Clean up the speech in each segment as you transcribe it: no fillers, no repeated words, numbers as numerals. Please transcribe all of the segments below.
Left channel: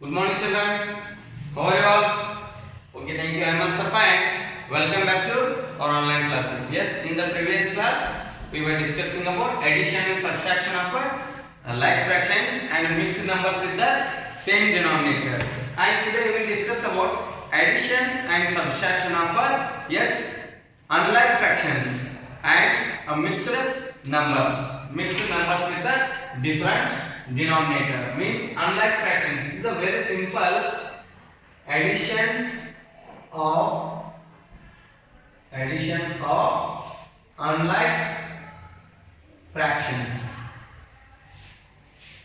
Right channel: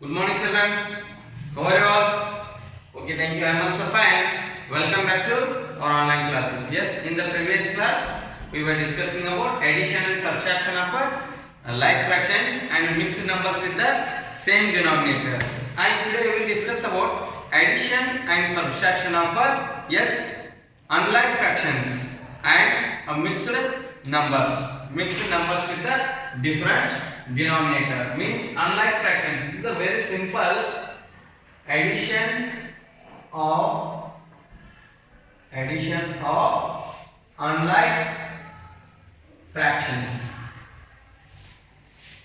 Good morning, children. How are you all? Okay, thank you. I am also fine. Welcome back to our online classes. Yes, in the previous class, we were discussing about addition and subtraction of like fractions and mixed numbers with the same denominator. And today we will discuss about addition and subtraction of yes, unlike fractions and mixed numbers. Mixed numbers with the different denominator means unlike fractions. This is a very simple addition of unlike fractions.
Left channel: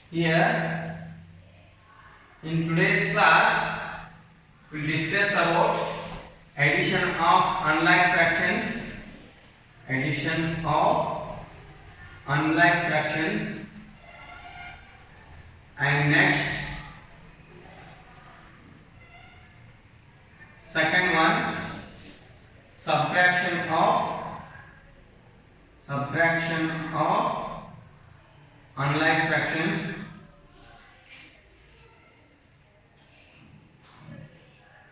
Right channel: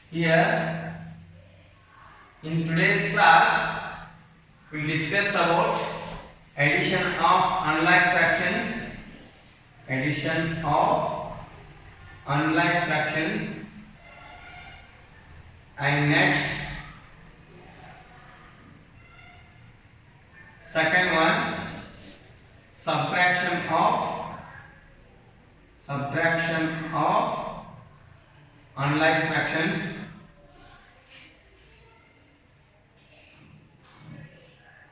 Here in today's class we will discuss about addition of unlike fractions. Addition of unlike fractions. And next, second one, subtraction of unlike fractions.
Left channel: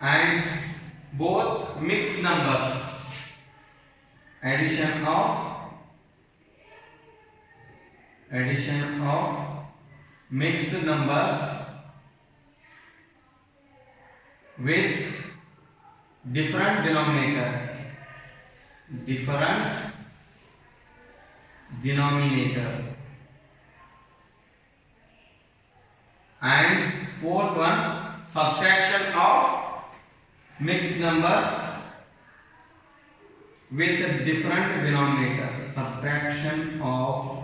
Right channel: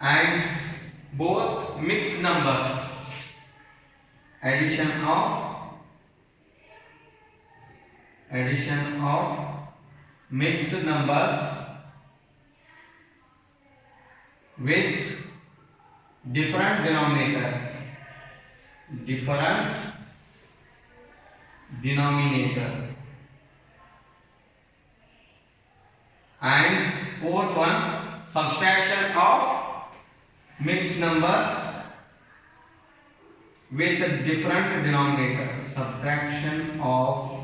And both mixed numbers. Addition of mixed numbers with different denominator. And fourth one, subtraction of mixed numbers with different denominator. Subtraction of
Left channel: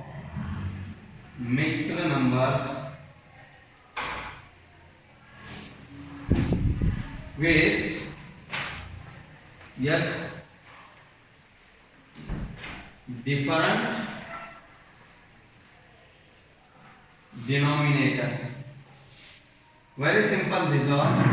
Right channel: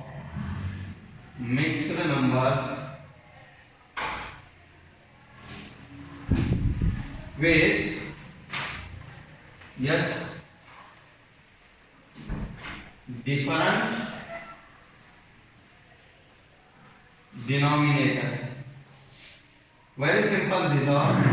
mixed numbers with different denominators. Very simple these are.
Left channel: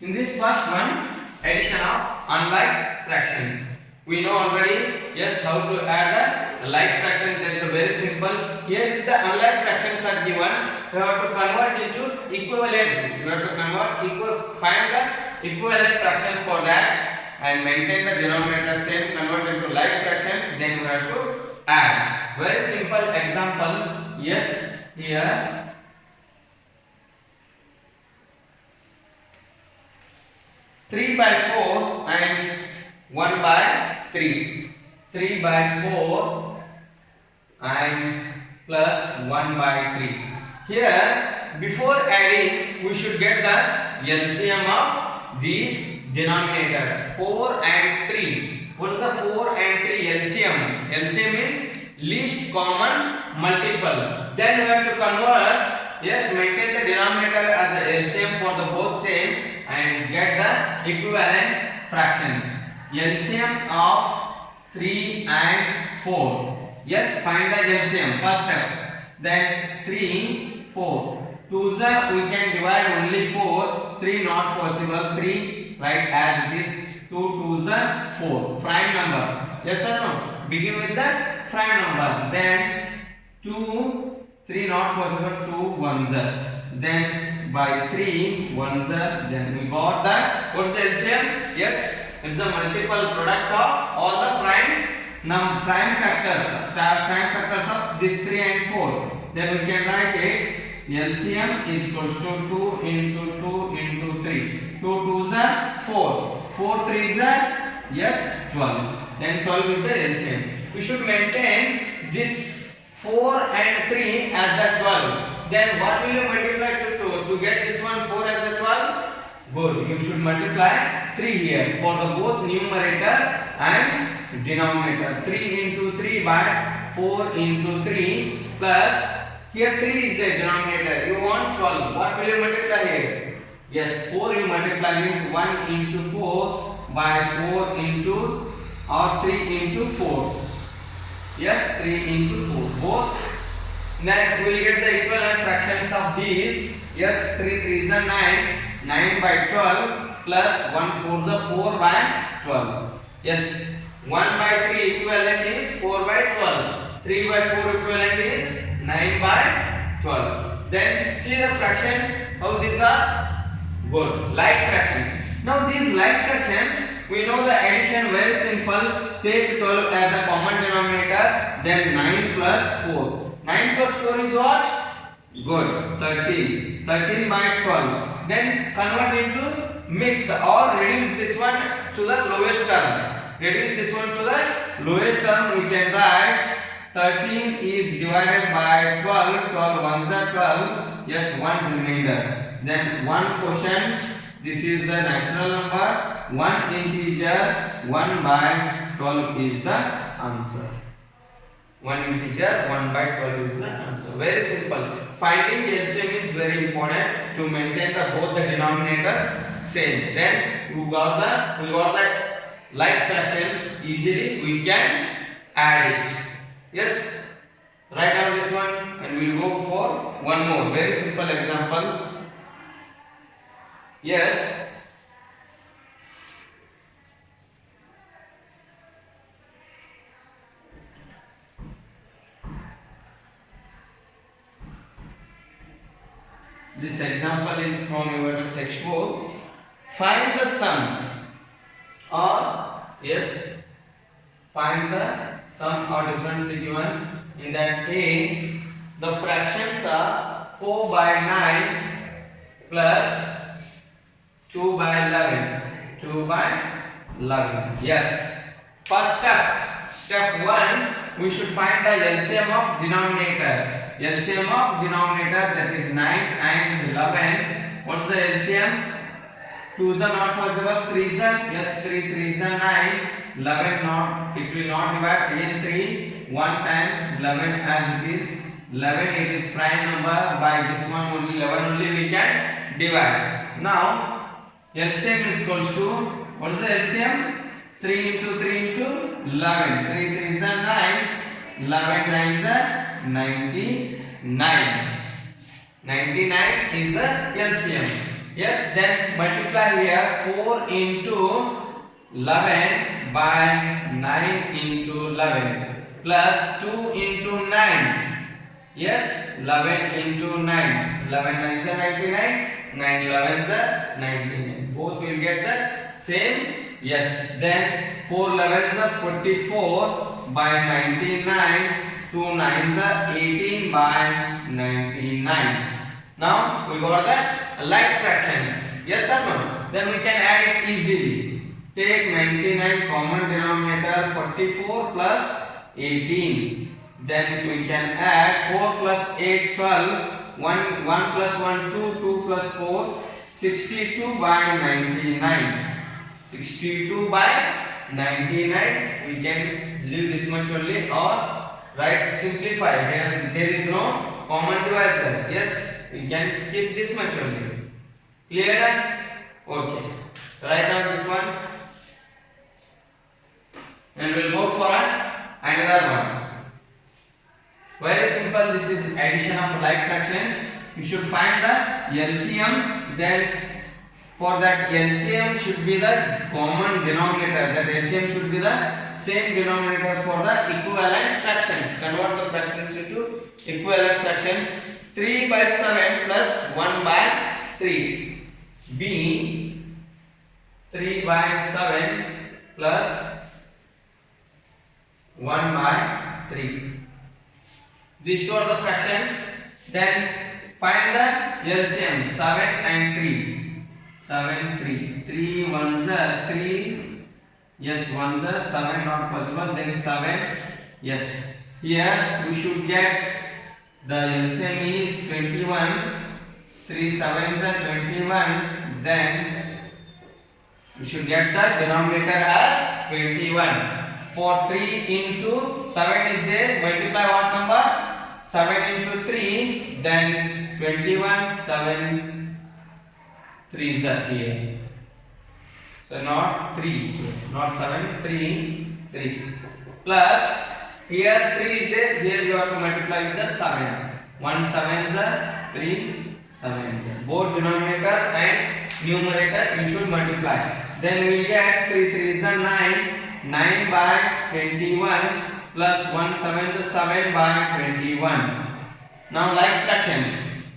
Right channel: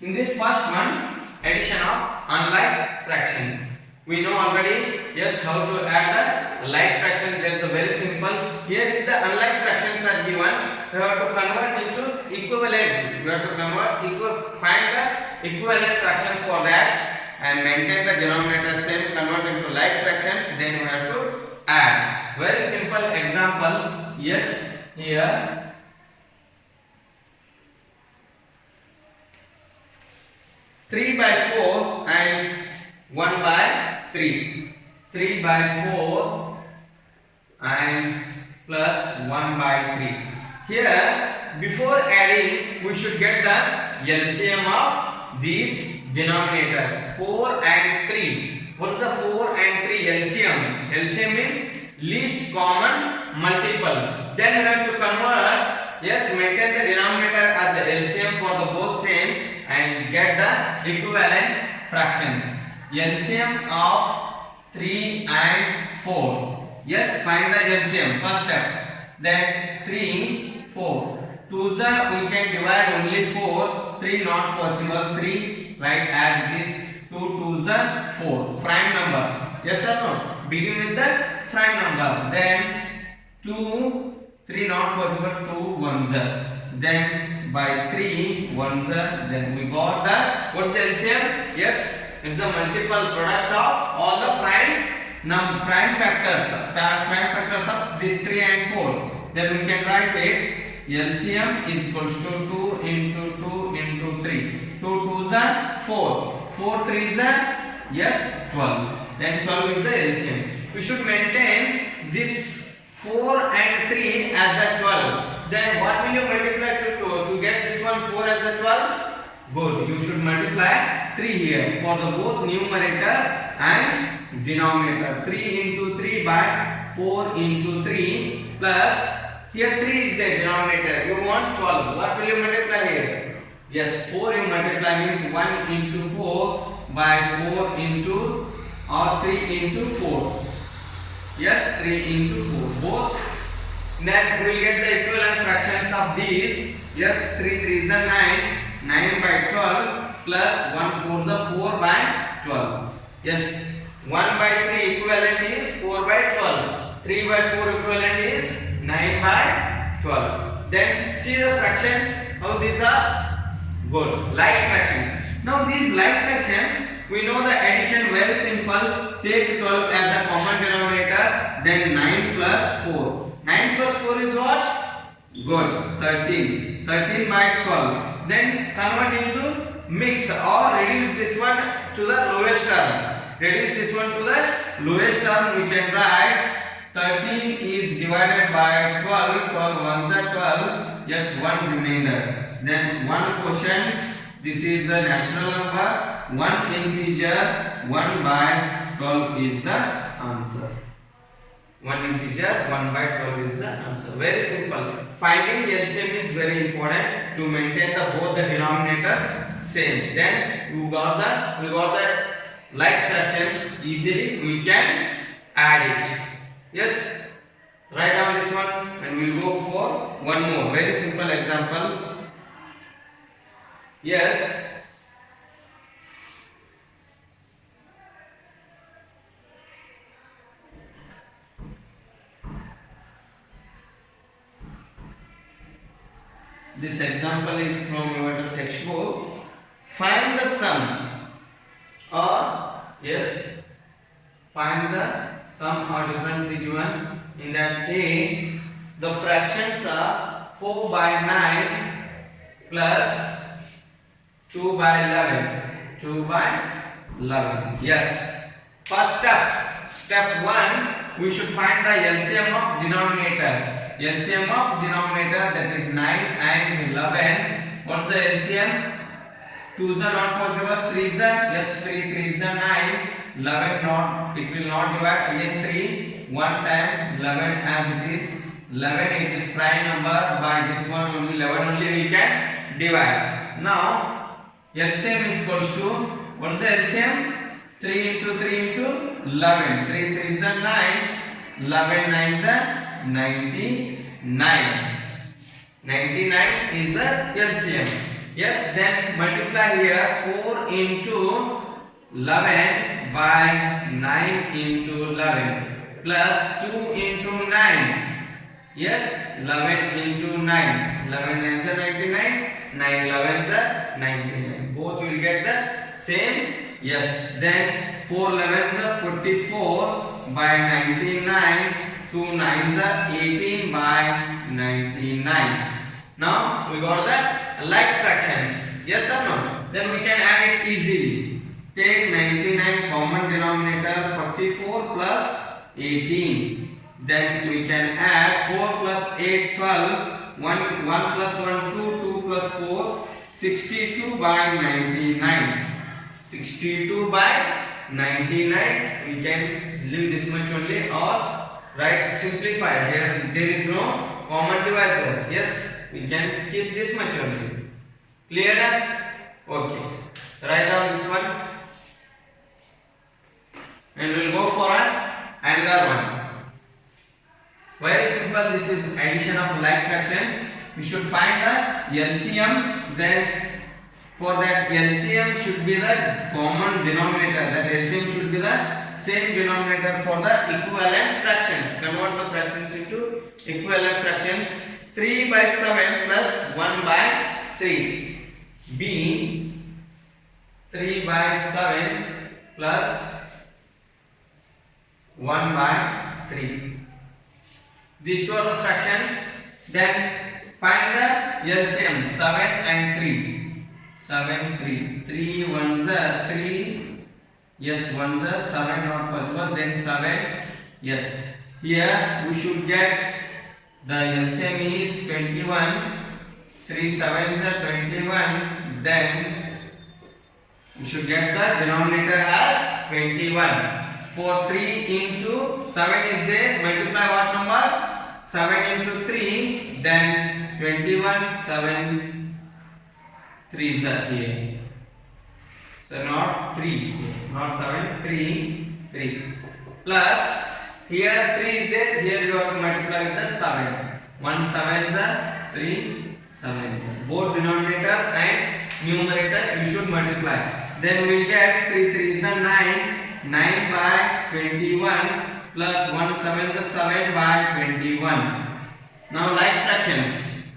In this first one, addition of unlike fractions. We know already how to add the like fraction. That is a very simple. Here if the unlike fractions are given, we have to convert into equivalent. We have to find the equivalent fractions for that and maintain the denominator same, convert into like fractions, then we have to add. Very simple example. Here 3 by 4 and 1 by 3. 3 by 4 and plus 1 by 3. Here, before adding, we should get the LCM of these denominators. 4 and 3. What is the 4 and 3 LCM? LCM means least common multiple. Then we have to convert, maintain the denominator as the LCM for the both same and get the equivalent fractions. LCM of 3 and 4. Find the LCM. First step. Then 3, 4. 2s we can divide only 4. 3 not possible. 3 write as it is. 2 2s 4. Prime number. Yes or no? Begin with the prime number. Then 2, 3 not possible. 2 1s. Then by 3 1s. Then we got the what's the LCM? It's a multiple product of all the prime factors of these 3 and 4. Then we can write it LCM is equals to 2 into 2 into 3. 2 2s are 4. 4 3s are 12. Then 12 is the LCM. We should maintain this 4 and 3 as a 12. Then what will you multiply to 2 to get this one 4 as a 12? Good. You should multiply 3 here for the both numerator and denominator. 3 into 3 by 4 into 3 plus here 3 is the denominator. You want 12. What will you multiply here? 4 you multiply means 1 into 4 by 4 into or 3 into 4. 3 into 4. Both. Then we will get the equivalent fractions of these. 3 3s are 9. 9 by 12 plus 1 4s are 4 by 12. 1 by 3 equivalent is 4 by 12. 3 by 4 equivalent is 9 by 12. Then see the fractions, how these are good, like fractions. Now these like fractions, we know the addition very simple. Take 12 as a common denominator, then 9 plus 4. 9 plus 4 is what? Good, 13. 13 by 12. Then convert into mix or reduce this one to the lowest term. Reduce this one to the lowest term. We can write 13 is divided by 12. 12 ones are 12. Yes, 1 remainder. Then 1 quotient. This is the natural number. 1 integer. 1 by 12 is the answer. 1 integer, 1 by 12 is the answer. Very simple. Finding LCM is very important to maintain the both the denominators same. Then we got the like fractions easily. We can add it. Yes. Write down this one and we'll go for one more very simple example. Yes. This example is from your textbook. Find the sum or find the sum or difference between in that A the fractions are 4 by 9 plus 2 by 11. 2 by 11. Yes. First step 1, we should find the LCM of denominator. LCM of denominator, that is 9 and 11. What's the LCM? 2's are not possible. 3's are, yes, 3's are 9. 11 not, it will not divide. Again 3, 1 time 11 as it is. 11, it is prime number. By this one only, 11 only we can divide. Now LCM is equals to, what is the LCM? 3 into 3 into 11. 3 3's are 9. 11 9's are 99. 99 is the LCM. Yes, then multiply here 4 into 11 by 9 into 11 plus 2 into 9. Yes, 11 into 9. 11 9's are 99. 9 11's are 99. Both will get the same. Yes, then 4 11's are 44 by 99. 2 9's are 18 by 99. Now we got the like fractions. Yes or no? Then we can add it easily. Take 99 common denominator, 44 plus 18. Then we can add 4 plus 8 12. 1 plus 1 2. 2 plus 4 62 by 99. 62 by 99. We can leave this much only or write simplify. Here there is no common divisor. Yes, we can skip this much only. Clear? Okay. Write down this one. And we'll go for another one. Very simple. This is addition of like fractions. We should find the LCM. Then for that LCM should be the common denominator. That LCM should be the same denominator for the equivalent fractions. Convert the fractions into equivalent fractions. 3 by 7 plus 1 by 3. B 3 by 7 plus 1 by 3. These two are the fractions. Then find the LCM. 7 and 3. 7 3. 3 ones are 3. Yes, ones are 7 not possible. Then 7. Yes. Here we should get the LCM is 21. 3 7s are 21. Then we should get the denominator as 21. For 3 into 7 is there. Multiply what number? 7 into 3. Then 21. 7 3's are here. So not 3. Not 7. 3. 3. Plus here 3 is there. Here you have to multiply with the 7. 1 7's are 3 7's. Both denominator and numerator you should multiply. Then we will get 3 3's are 9. 9 by 21 plus 1 7's are 7 by 21. Now like fractions.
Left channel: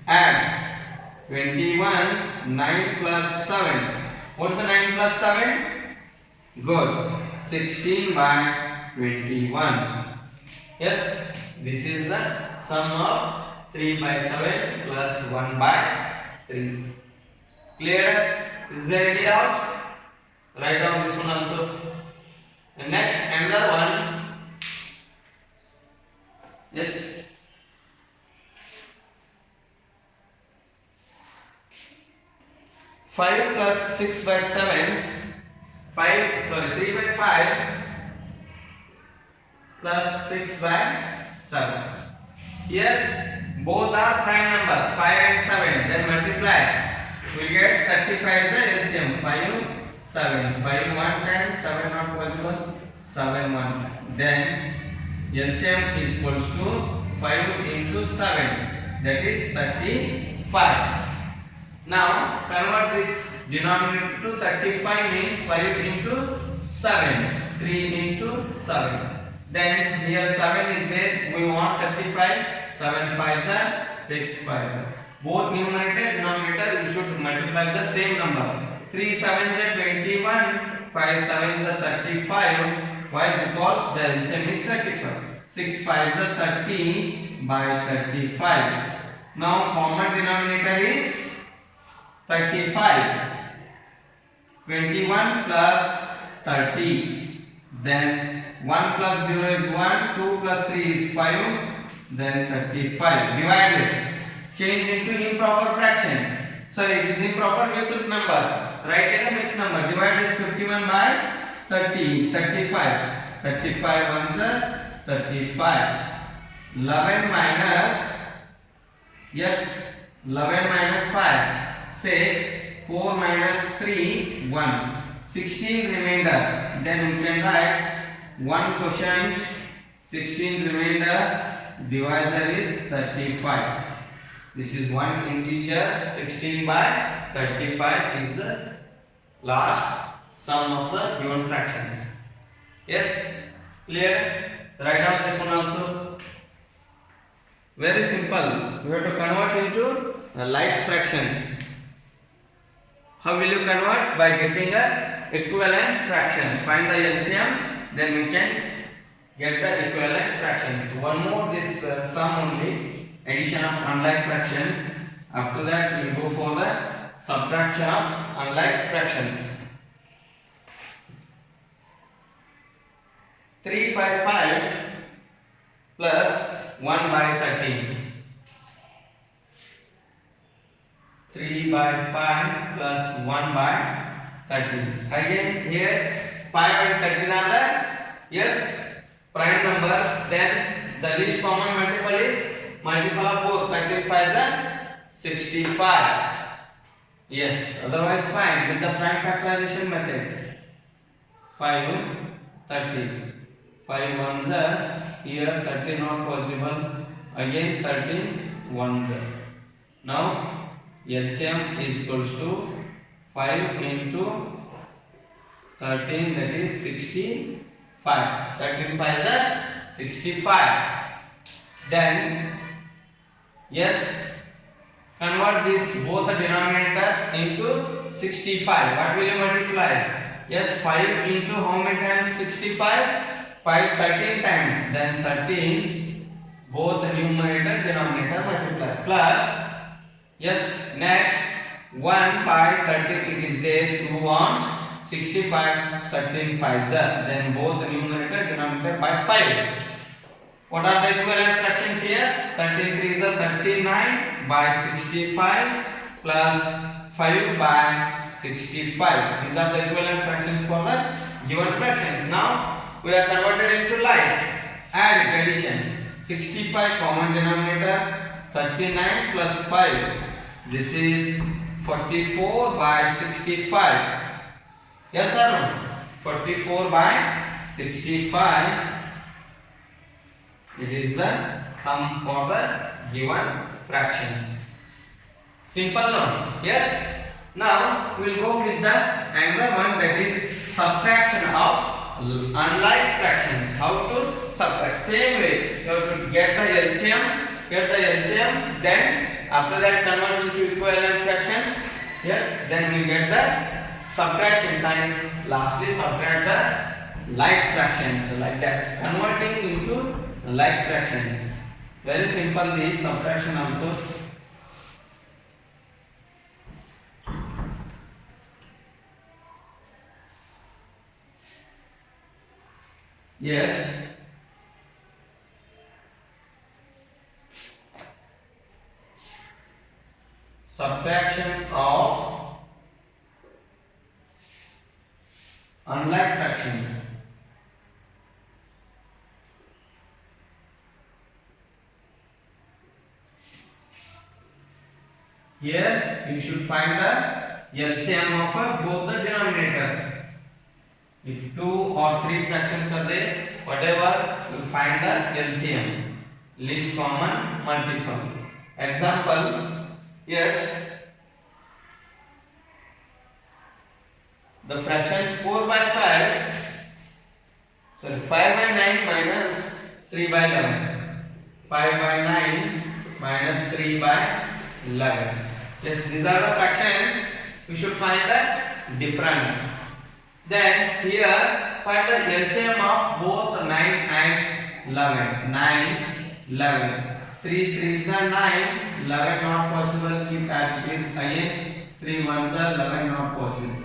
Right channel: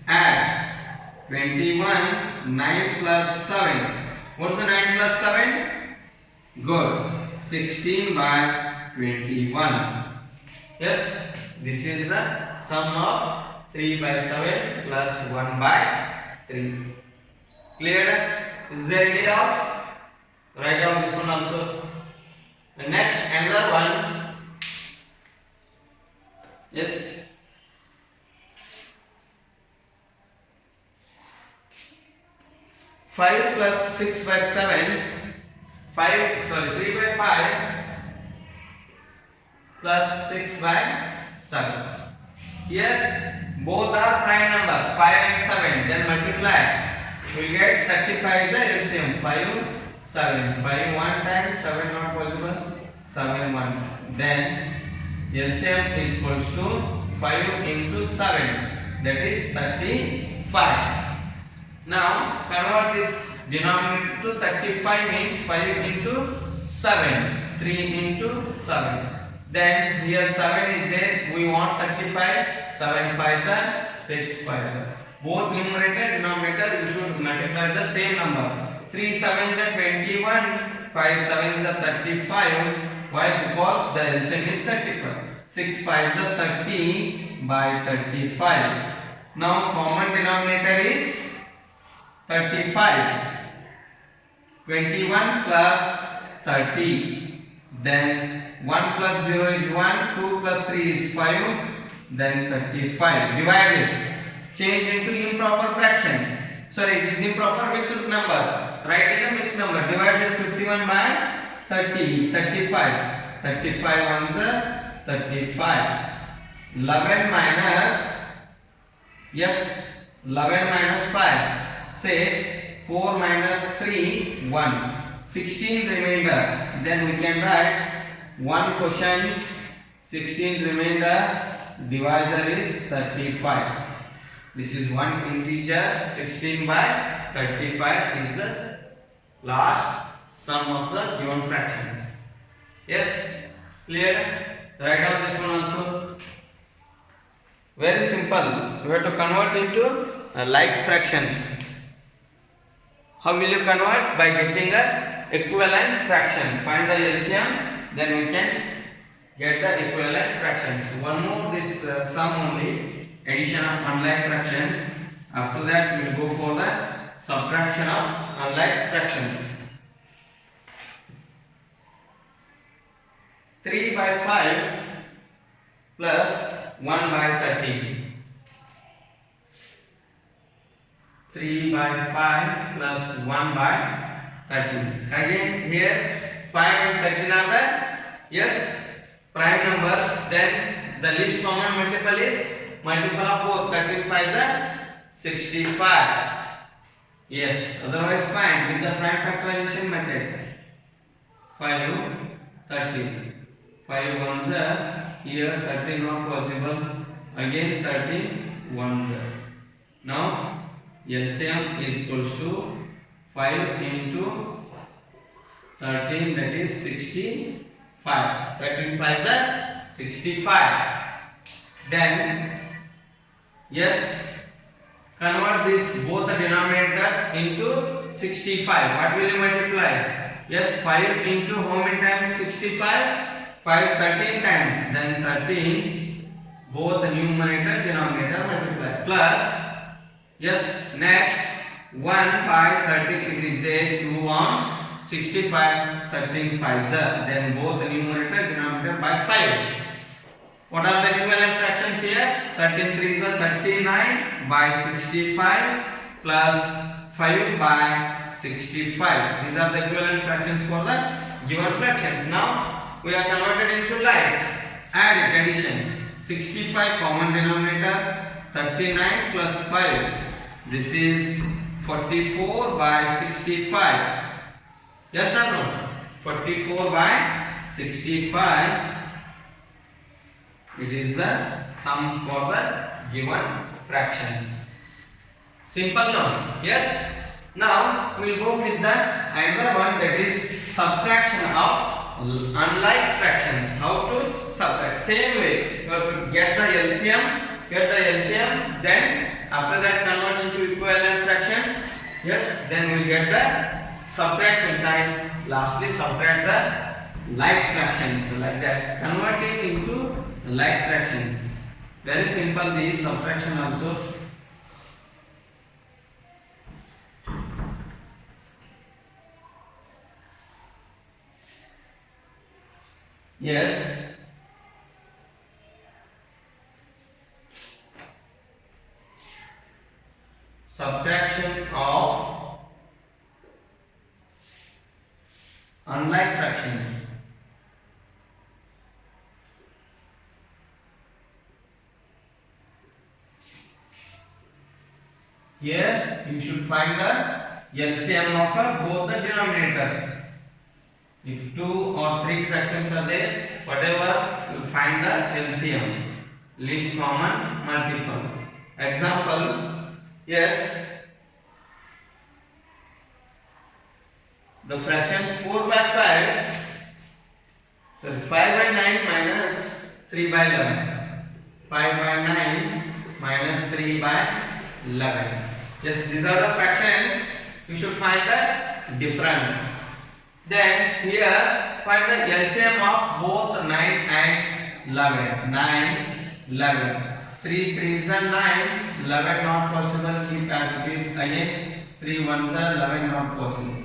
Add 21, 9 plus 7. What's the 9 plus 7? Good. 16 by 21. Yes, this is the sum of 3 by 7 plus 1 by 3. Clear? Is there any doubt? Write down this one also. And next, another one. Yes. 5 plus 6 by 7. 3 by 5 plus 6 by 7. Here both are prime numbers, 5 and 7. Then multiply. We get 35 is the LCM. 5, 7. 5 one time, 7 not possible. 7 one time. Then LCM is equals to 5 into 7. That is 35. Now convert this denominator to 35 means 5 into 7. 3 into 7. Then here 7 is there. We want 35. 7 5s are 6 5s are. Both numerator denominator you should multiply the same number. 3 7s are 21. 5 7s are 35. Why? Because the LCM is 35. 6 5s are 30 by 35. Now common denominator is 35. 21 plus 30. Then 1 plus 0 is 1. 2 plus 3 is 5. Then 35. Divide this. Change into improper fraction. Sorry, it is improper fixed number. Write it a mixed number. Divide this 51 by 30. 35. 35 ones are 35. 11 minus. Yes. 11 minus 5. 6. 4 minus 3. 1. 16 remainder. Then we can write 1 quotient. 16 remainder. Divisor is 35. This is one integer. 16 by 35 is the last sum of the given fractions. Yes, clear? Write down this one also. Very simple. You have to convert into like fractions. How will you convert? By getting a equivalent fractions. Find the LCM, then we can get the equivalent fractions. One more this sum only. Addition of unlike fraction. After that we will go for the subtraction of unlike fractions. 3 by 5 plus 1 by 13. 3 by 5 plus 1 by 13. Again here 5 and 13 are the yes prime numbers. Then the least common multiple is multiple of both. 13 5s are 65. Yes, otherwise fine with the prime factorization method. 5 13. 5 1s are here 13 not possible. Again 13 1s are. Now LCM is equals to 5 into 13, that is 65. 13 5s are 65. Then yes, convert this both the denominators into 65. What will you multiply? Yes, 5 into how many times 65? 5 13 times. Then 13 both the numerator denominator multiply plus yes next 1 by 13 it is there. You want 65 13 5s are. Then both the numerator denominator by 5. What are the equivalent fractions here? 13 3 is a 39 by 65 plus 5 by 65. These are the equivalent fractions for the given fractions. Now we are converted into like. Add it, addition. 65 common denominator. 39 plus 5. This is 44 by 65. Yes or no? 44 by 65. It is the sum for the given fractions. Simple no? Yes. Now we will go with the another one, that is subtraction of unlike fractions. How to subtract? Same way you have to get the LCM, then After that, convert into equivalent fractions. Yes, then we get the subtraction sign. Lastly, subtract the like fractions like that. Converting into like fractions. Very simple. The subtraction also. Yes. Subtraction of unlike fractions. Here you should find the LCM of both the denominators. If 2 or 3 fractions are there, whatever, you find the LCM, least common multiple. Example, yes, the fractions 4 by 5, 5 by 9 minus 3 by 11, 5 by 9 minus 3 by 11. Yes, these are the fractions. We should find the difference. Then here find the LCM of both 9 and 11. 9, 11. 3 3s are 9. 11 not possible. Keep as it is again. 3 1s are 11 not possible.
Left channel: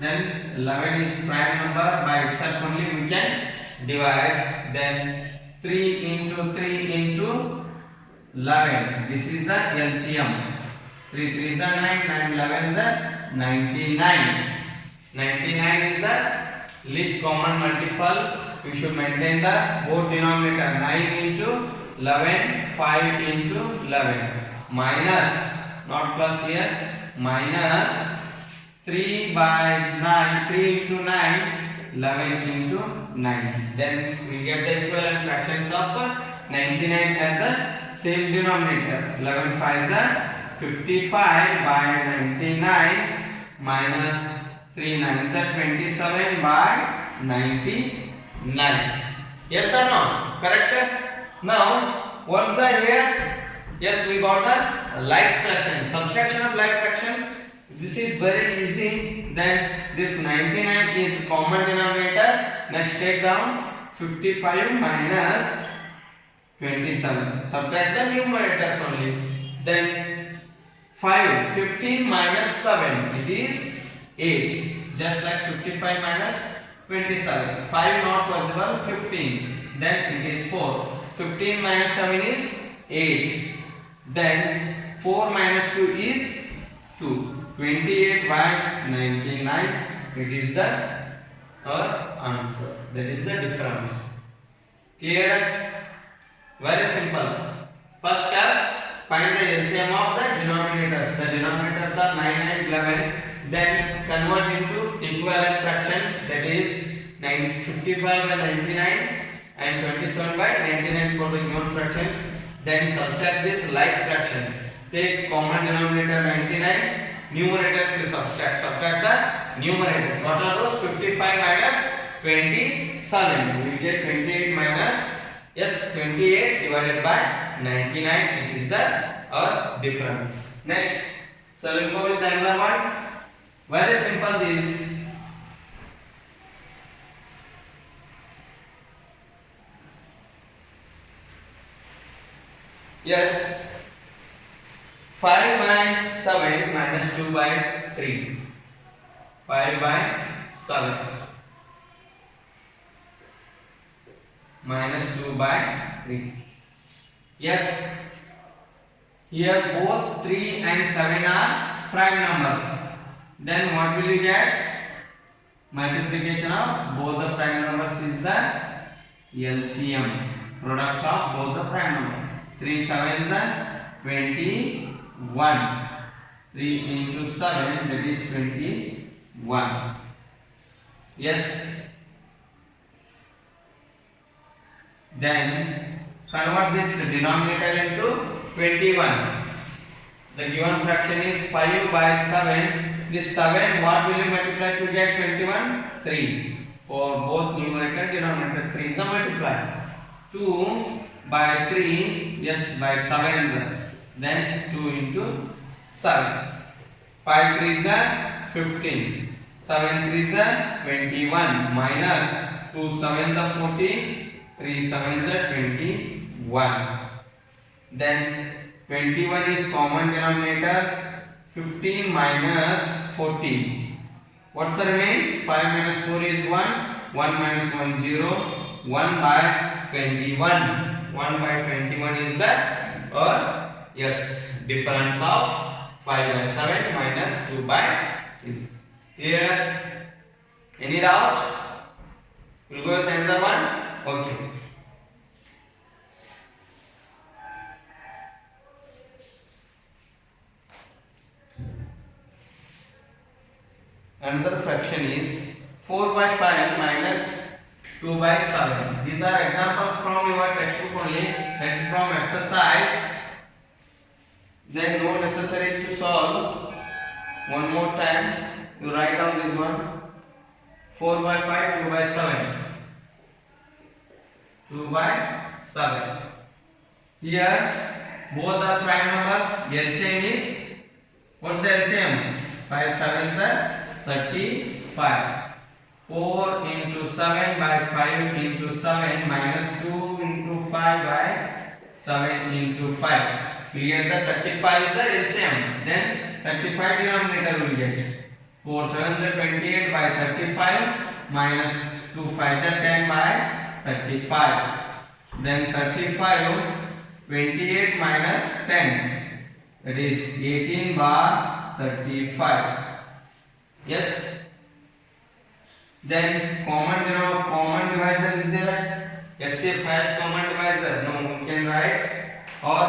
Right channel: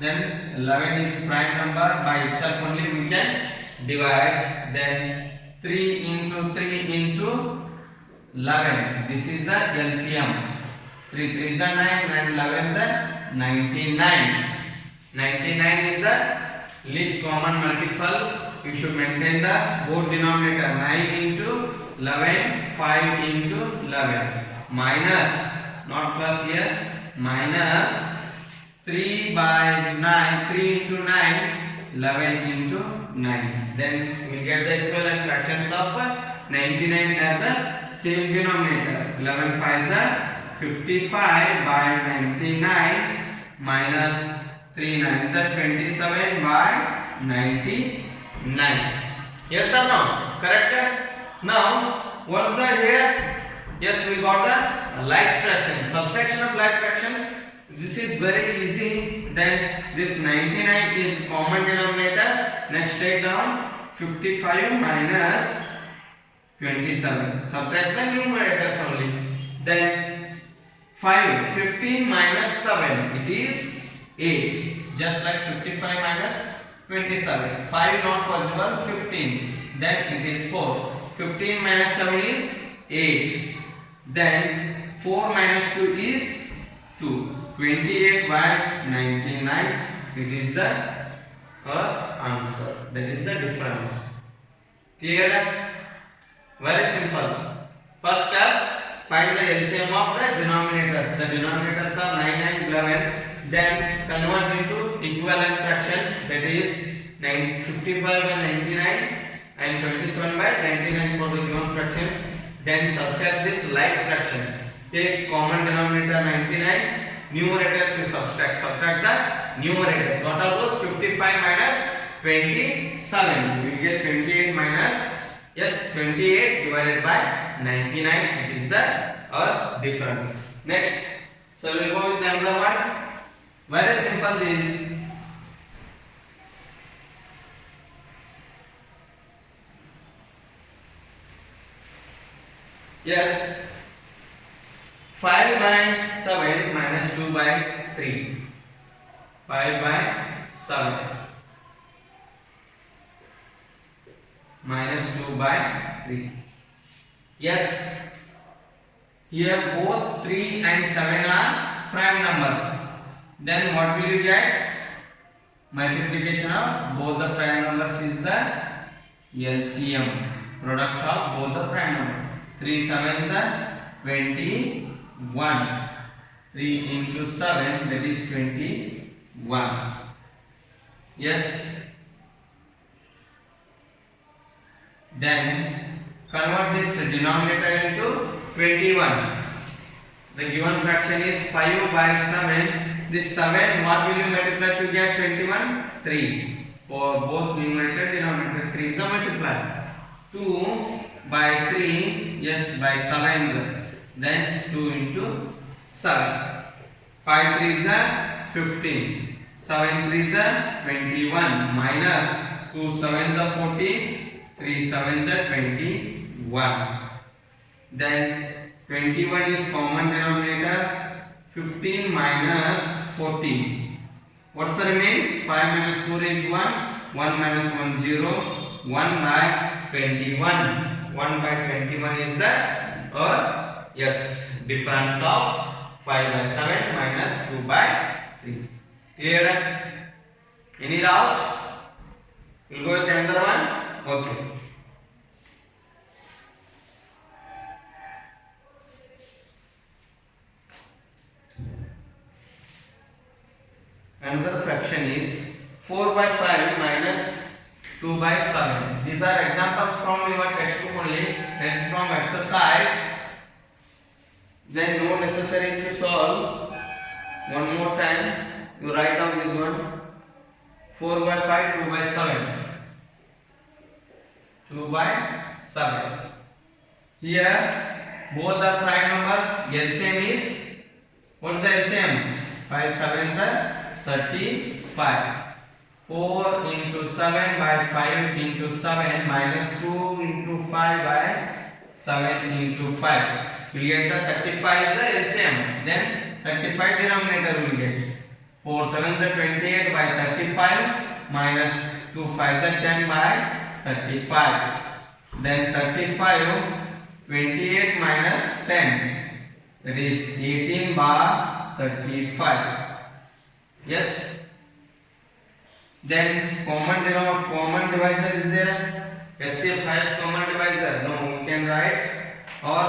Then 11 is prime number. By itself only we can divide. Then 3 into 3 into 11. This is the LCM. 3 3s are 9 and 11s are 99. 99 is the least common multiple. You should maintain the both denominator. 9 into 11, 5 into 11. Minus, not plus here, minus 3 by 9, 3 into 9, 11 into 9. Then we get the equivalent fractions of 99 as a same denominator. 11 5s are 55 by 99 minus 3 9s are 27 by 99. Yes or no? Correct? Now, what's the here? Yes, we got the like fraction. Subtraction of like fractions. This is very easy. Then this 99 is common denominator. Next take down 55 minus 27. Subtract the numerators only. Then 5, 15 minus 7, it is 8. Just like 55 minus 27. 5 not possible, 15. Then it is 4. 15 minus 7 is 8. Then 4 minus 2 is 2. 28 by 99. It is the answer. That is the difference. Clear? Very simple. First step. Find the LCM of the denominators. The denominators are 9 and 11. Then convert into equivalent fractions. That is 55 by 99 and 27 by 99 for the given fractions. Then subtract this like fraction. Take common denominator 99. Numerators you subtract. Subtract the numerators. What are those? 55 minus 27. We will get 28 minus 28 divided by 99. It is the difference. Next, so we will go with another one. Very simple this. Yes, 5 by 7 minus 2 by 3. 5 by 7 minus 2 by 3. Yes, here both 3 and 7 are prime numbers. Then what will you get? Multiplication of both the prime numbers is the LCM. Product of both the prime numbers. 3 7s are 21. 3 into 7, that is 21. Yes. Then convert this denominator into 21. The given fraction is 5 by 7. This 7, what will you multiply to get 21? 3. For both numerator denominator, 3 is a multiply. 2 by 3, yes, by 7. then 2 into 7. 5 3s are 15. 7 3s are 21 minus 2 7s are 14. 3 7s are 21. Then 21 is common denominator. 15 minus 14. What's the remains? 5 minus 4 is 1. 1 minus 1 0. 1 by 21. 1 by 21 is the yes, difference of 5 by 7 minus 2 by 3. Clear? Any doubt? We'll go with another one. Okay. Another fraction is 4 by 5 minus 2 by 7. These are examples from your textbook only. That is from exercise. Then no necessary to solve. One more time. You write down this one. 4 by 5, 2 by 7. 2 by 7. Here both are prime numbers. LCM is, what's the LCM? 5 7s are 35. 4 into 7 by 5 into 7 minus 2 into 5 by 7 into 5. We get the 35 is the LCM. Then 35 denominator will get. 4 7s are 28 by 35 minus 2 5s are 10 by 35. Then 35, 28 minus 10, that is 18 by 35. Yes. Then common divisor is there. SCF has common divisor. No, we can write, or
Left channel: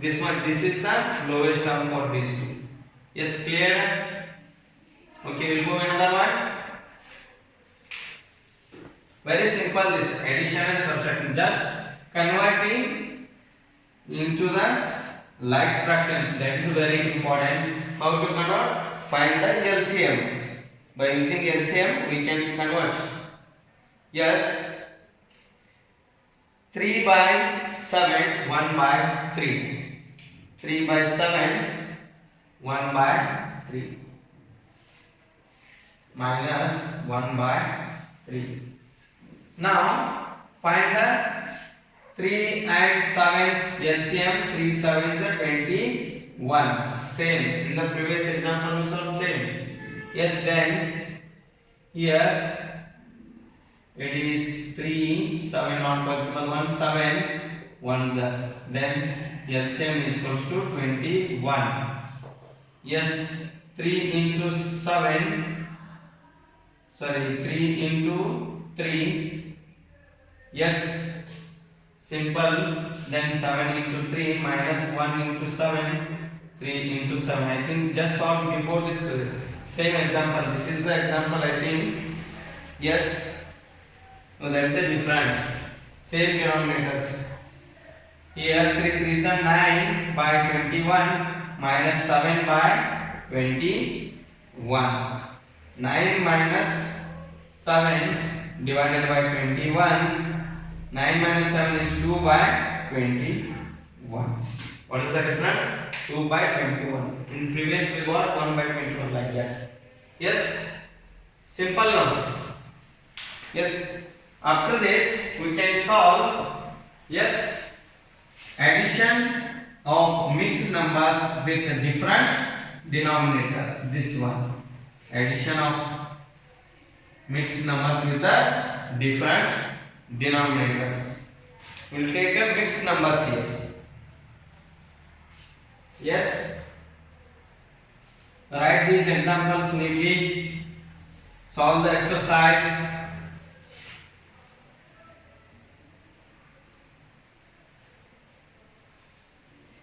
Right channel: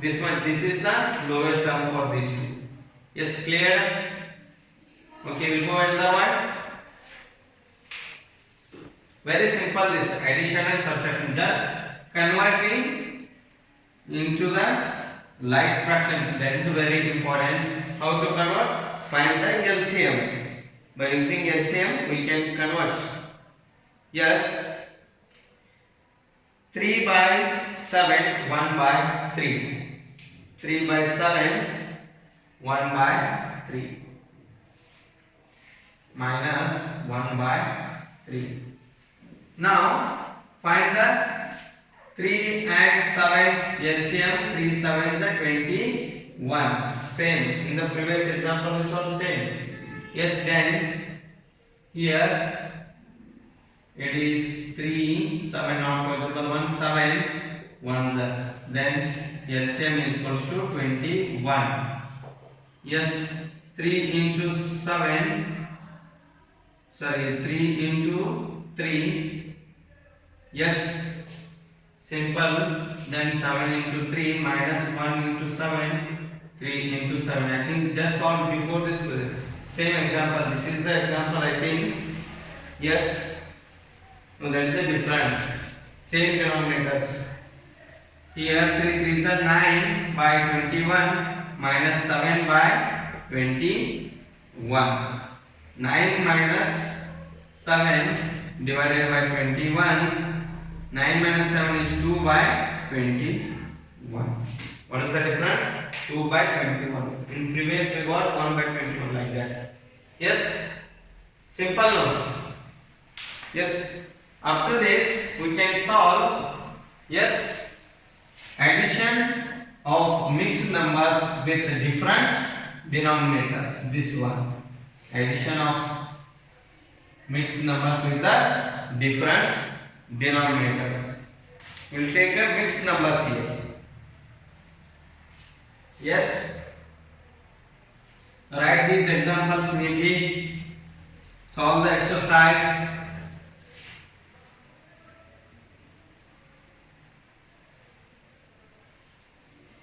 this one. This is the lowest term for these two. Yes, clear? Okay, we'll go another one. Very simple. This addition and subtraction, just converting into the like fractions. That is very important. How to convert? Find the LCM. By using LCM, we can convert. Yes. 3 by 7, 1 by 3. 3 by 7, 1 by 3. Minus 1 by 3. Now, find the 3 and 7's LCM. 3 7s are 21. Same. In the previous example, we saw same. Yes, then here it is 3, 7 not possible, 1, 7, 1, then LCM is equals to 21. Yes, 3 into 7, sorry, 3 into 3, yes, simple, then 7 into 3 minus 1 into 7, 3 into 7. I think just solved before this same example. This is the example, I think. Yes. So that is a different. Same denominators. Here 3 3s are 9 by 21 minus 7 by 21. 9 minus 7 divided by 21. 9 minus 7 is 2 by 21. What is the difference? 2 by 21. In previous we got 1 by 21 like that. Yes. Simple no? Yes. After this we can solve. Yes. Addition of mixed numbers with different denominators. This one. Addition of mixed numbers with the different denominators. We will take a mixed numbers here. Yes. Write these examples neatly. Solve the exercise.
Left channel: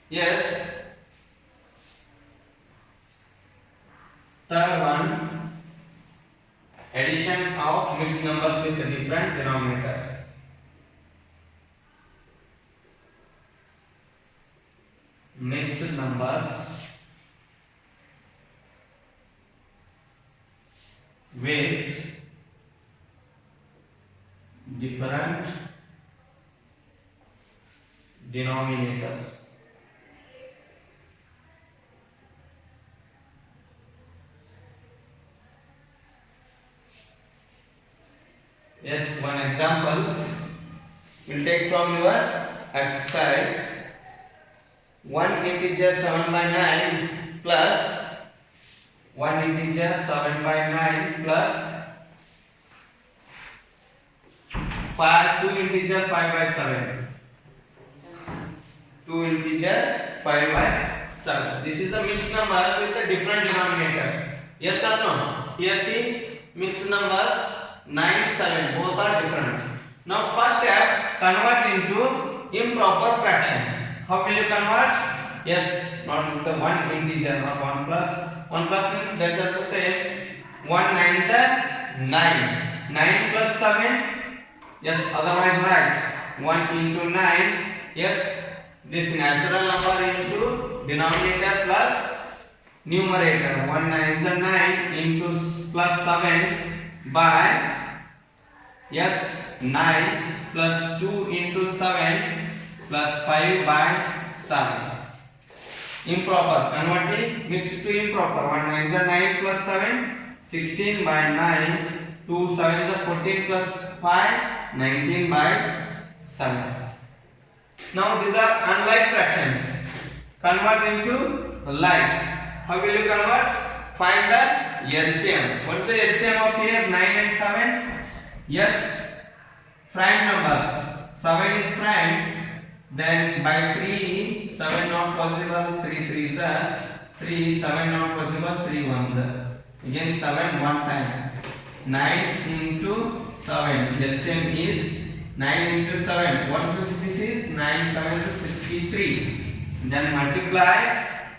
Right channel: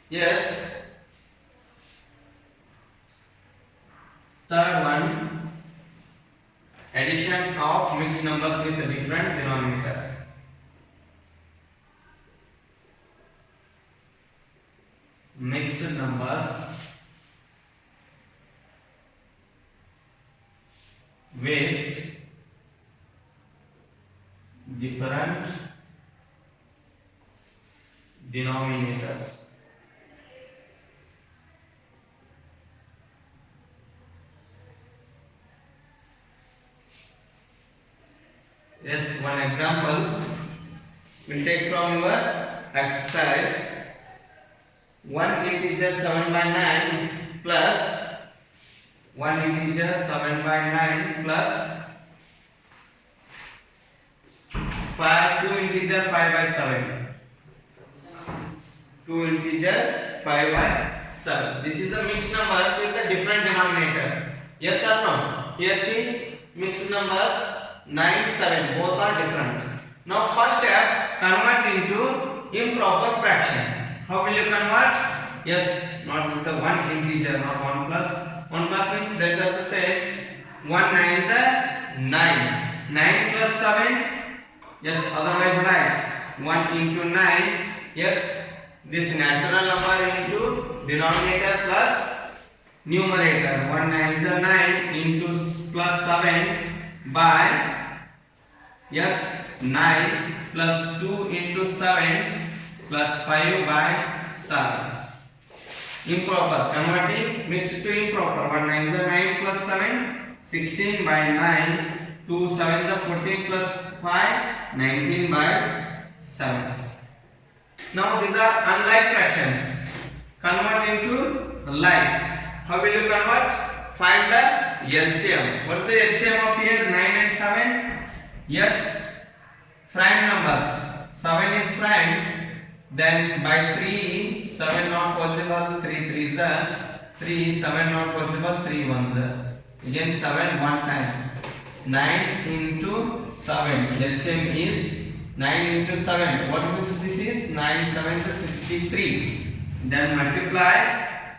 Yes. Third one. Addition of mixed numbers with different denominators. Mixed numbers with different denominators. Yes, one example we'll take from your exercise. 1 integer 7 by 9 plus 1 integer 7 by 9 plus 2 integer 5 by 7. 2 integer 5 by 7. This is a mixed numbers with a different denominator. Yes or no? Here see mixed numbers 9, 7 both are different. Now first step, convert into improper fraction. How will you convert? Yes, not with the one integer, not 1 plus. 1 plus means that also say 1 9s are 9. 9 plus 7. Yes, otherwise write 1 into 9. Yes, this natural number into denominator plus numerator. 1 9s are 9 into plus 7 by, yes, 9 plus 2 into 7 plus 5 by 7. Improper, converting mixed to improper. 1 9s are 9 plus 7, 16 by 9, 2 7s are 14 plus 5, 19 by 7. Now these are unlike fractions. Convert into like. How will you convert? Find the LCM. What is the LCM of here? 9 and 7. Yes, prime numbers. 7 is prime. Then by 3, 7 not possible. 3 3s are 3, 7 not possible. 3 1s are. Again 7 one time. 9 into 7. LCM is 9 into 7. What is this is? 9 7 is 63. Then multiply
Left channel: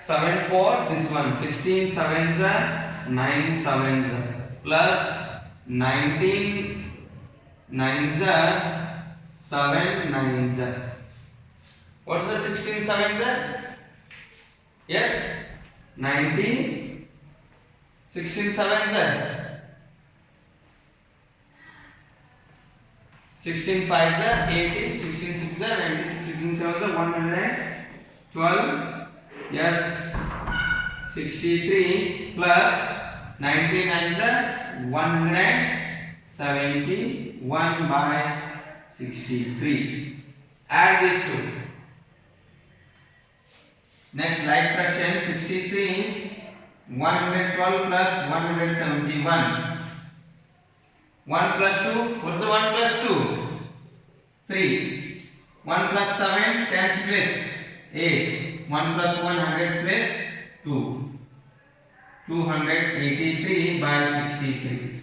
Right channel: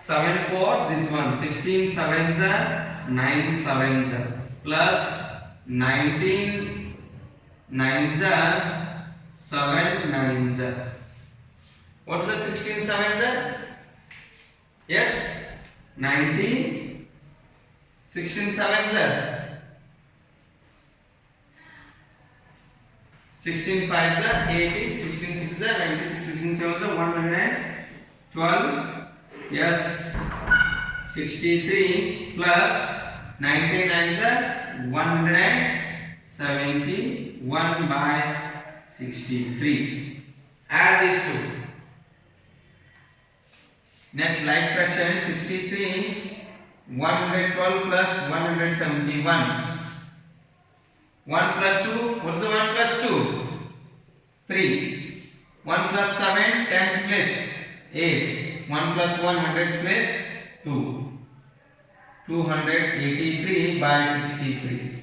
7 for this one. 16 7s are 9 7s are plus 19 9s are 7 9s are. What is the 16 7s are? Yes, 90. 16 7s are 16 5s are 80, 16 6s are 96, 16 7s are 112. Yes, 63 plus 99s are 171 by 63. Add these two. Next, like fraction 63, 112 plus 171. 1 plus 2, what is the 1 plus 2? 3. 1 plus 7, 10's place 8. 1 plus 1, 100's place 2. 283 by 63.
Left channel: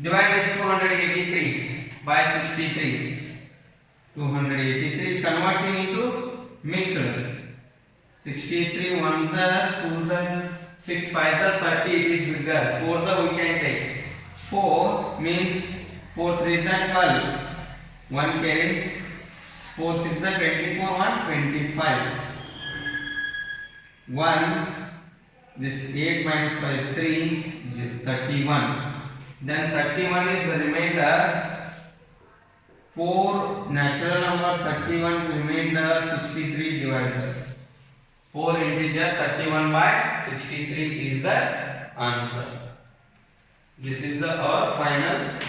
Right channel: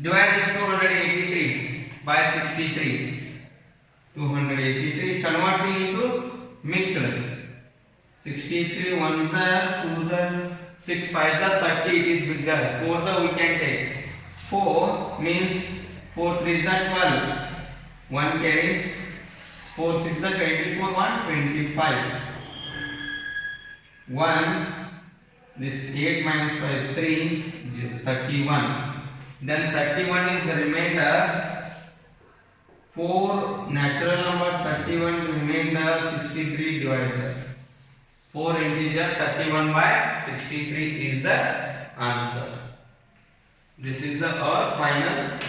Divide this 283 by 63. 283 converting into mixed. 63 ones are 2s are 6 5s are 30. It is bigger. 4s are we can take. 4 means 4 3s are 12. 1 carry. 4 6s are 24. 1 25. 1. This 8 minus 5 is 3. 31. Then 31 is the remainder. 4 natural number 31 remainder 63 divisor. 4 integer 31 by 63 is the answer. This is the our final answer.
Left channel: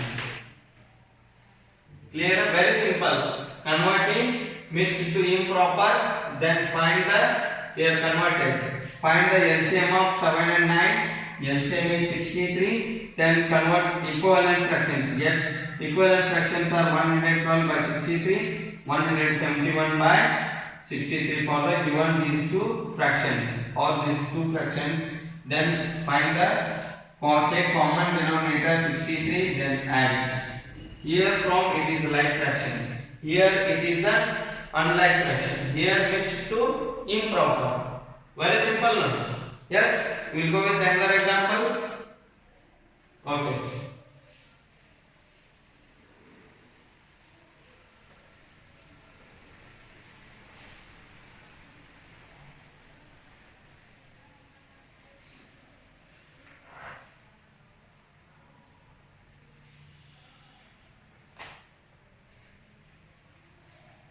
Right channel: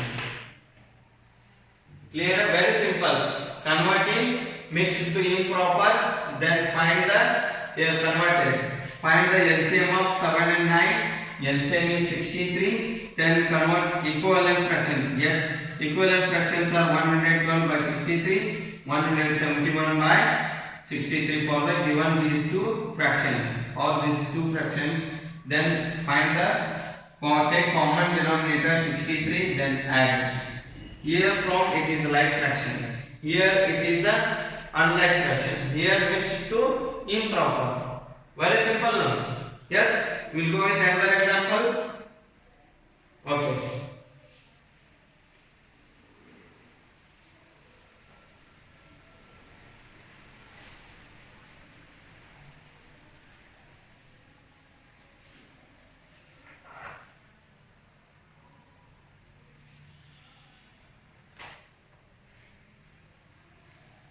Clear? Very simple. Converting mixed to improper. Then find the here converted. Find the LCM of 7 and 9. LCM is 63. Then convert equivalent fractions. Yet equivalent fractions are 112 by 63, 171 by 63 for the given these two fractions or these two fractions. Then find the take common denominator 63, then add. Here from it is like fraction. Here it is a unlike fraction. Here mixed to improper. Very simple now. Yes, we'll go with another example. Okay.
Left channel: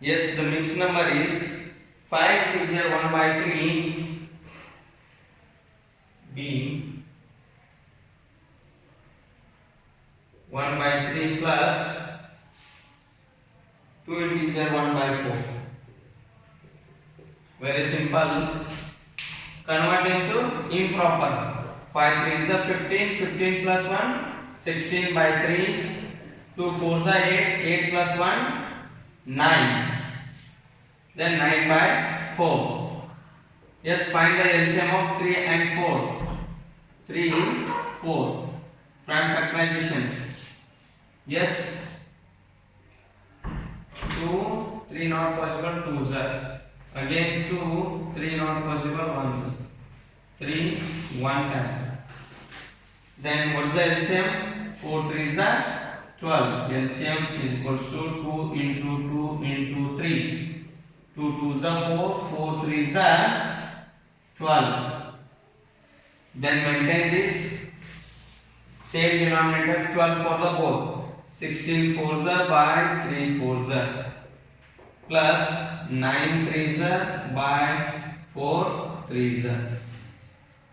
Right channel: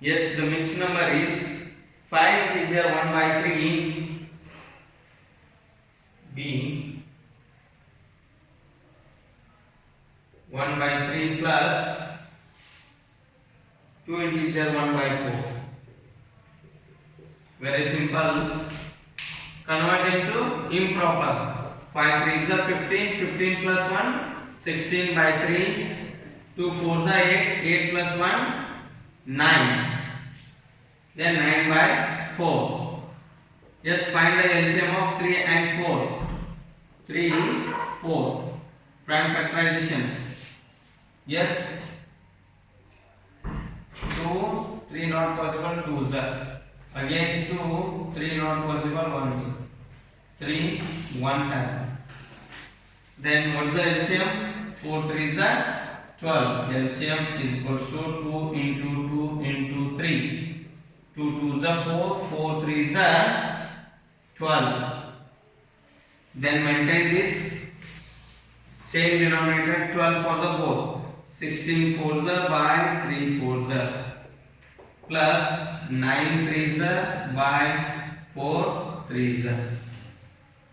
Yes, the mixed number is 5 integer 1 by 3 b 1 by 3 plus 2 integer 1 by 4. Very simple. Convert into improper. 5 3s are 15, 15 plus 1, 16 by 3. 2 4s are 8, 8 plus 1, 9. Then 9 by 4. Yes, find the LCM of 3 and 4. 3, 4. Prime factorization. Yes. 2, 3 not possible, 2s are. Again 2, 3 not possible, 1s. 3, 1 time. Then what is the LCM? 4 3s are 12. LCM is equals to 2 into 2 into 3. 2 2s are 4, 4 3s are 12. Then maintain this same denominator 12 for the whole. 16 4s are by 3 4s are plus 9 3s are by 4 3s are.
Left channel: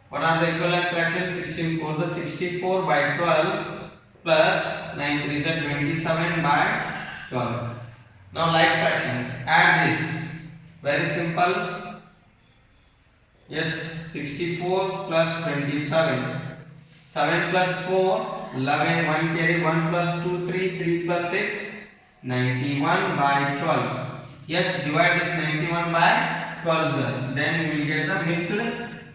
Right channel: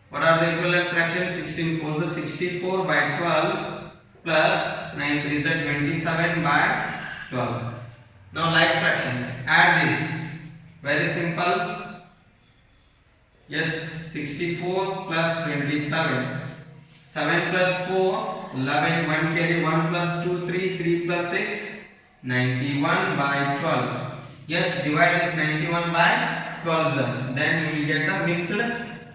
What are the equivalent fractions? 16 4s are 64 by 12 plus 9 3s are 27 by 12. Now like fractions, add this. Very simple. Yes, 64 plus 27. 7 plus 4, 11, 1 carry, 1 plus 2, 3, 3 plus 6, 91 by 12. Yes, divide this 91 by 12. Then we will get the mixed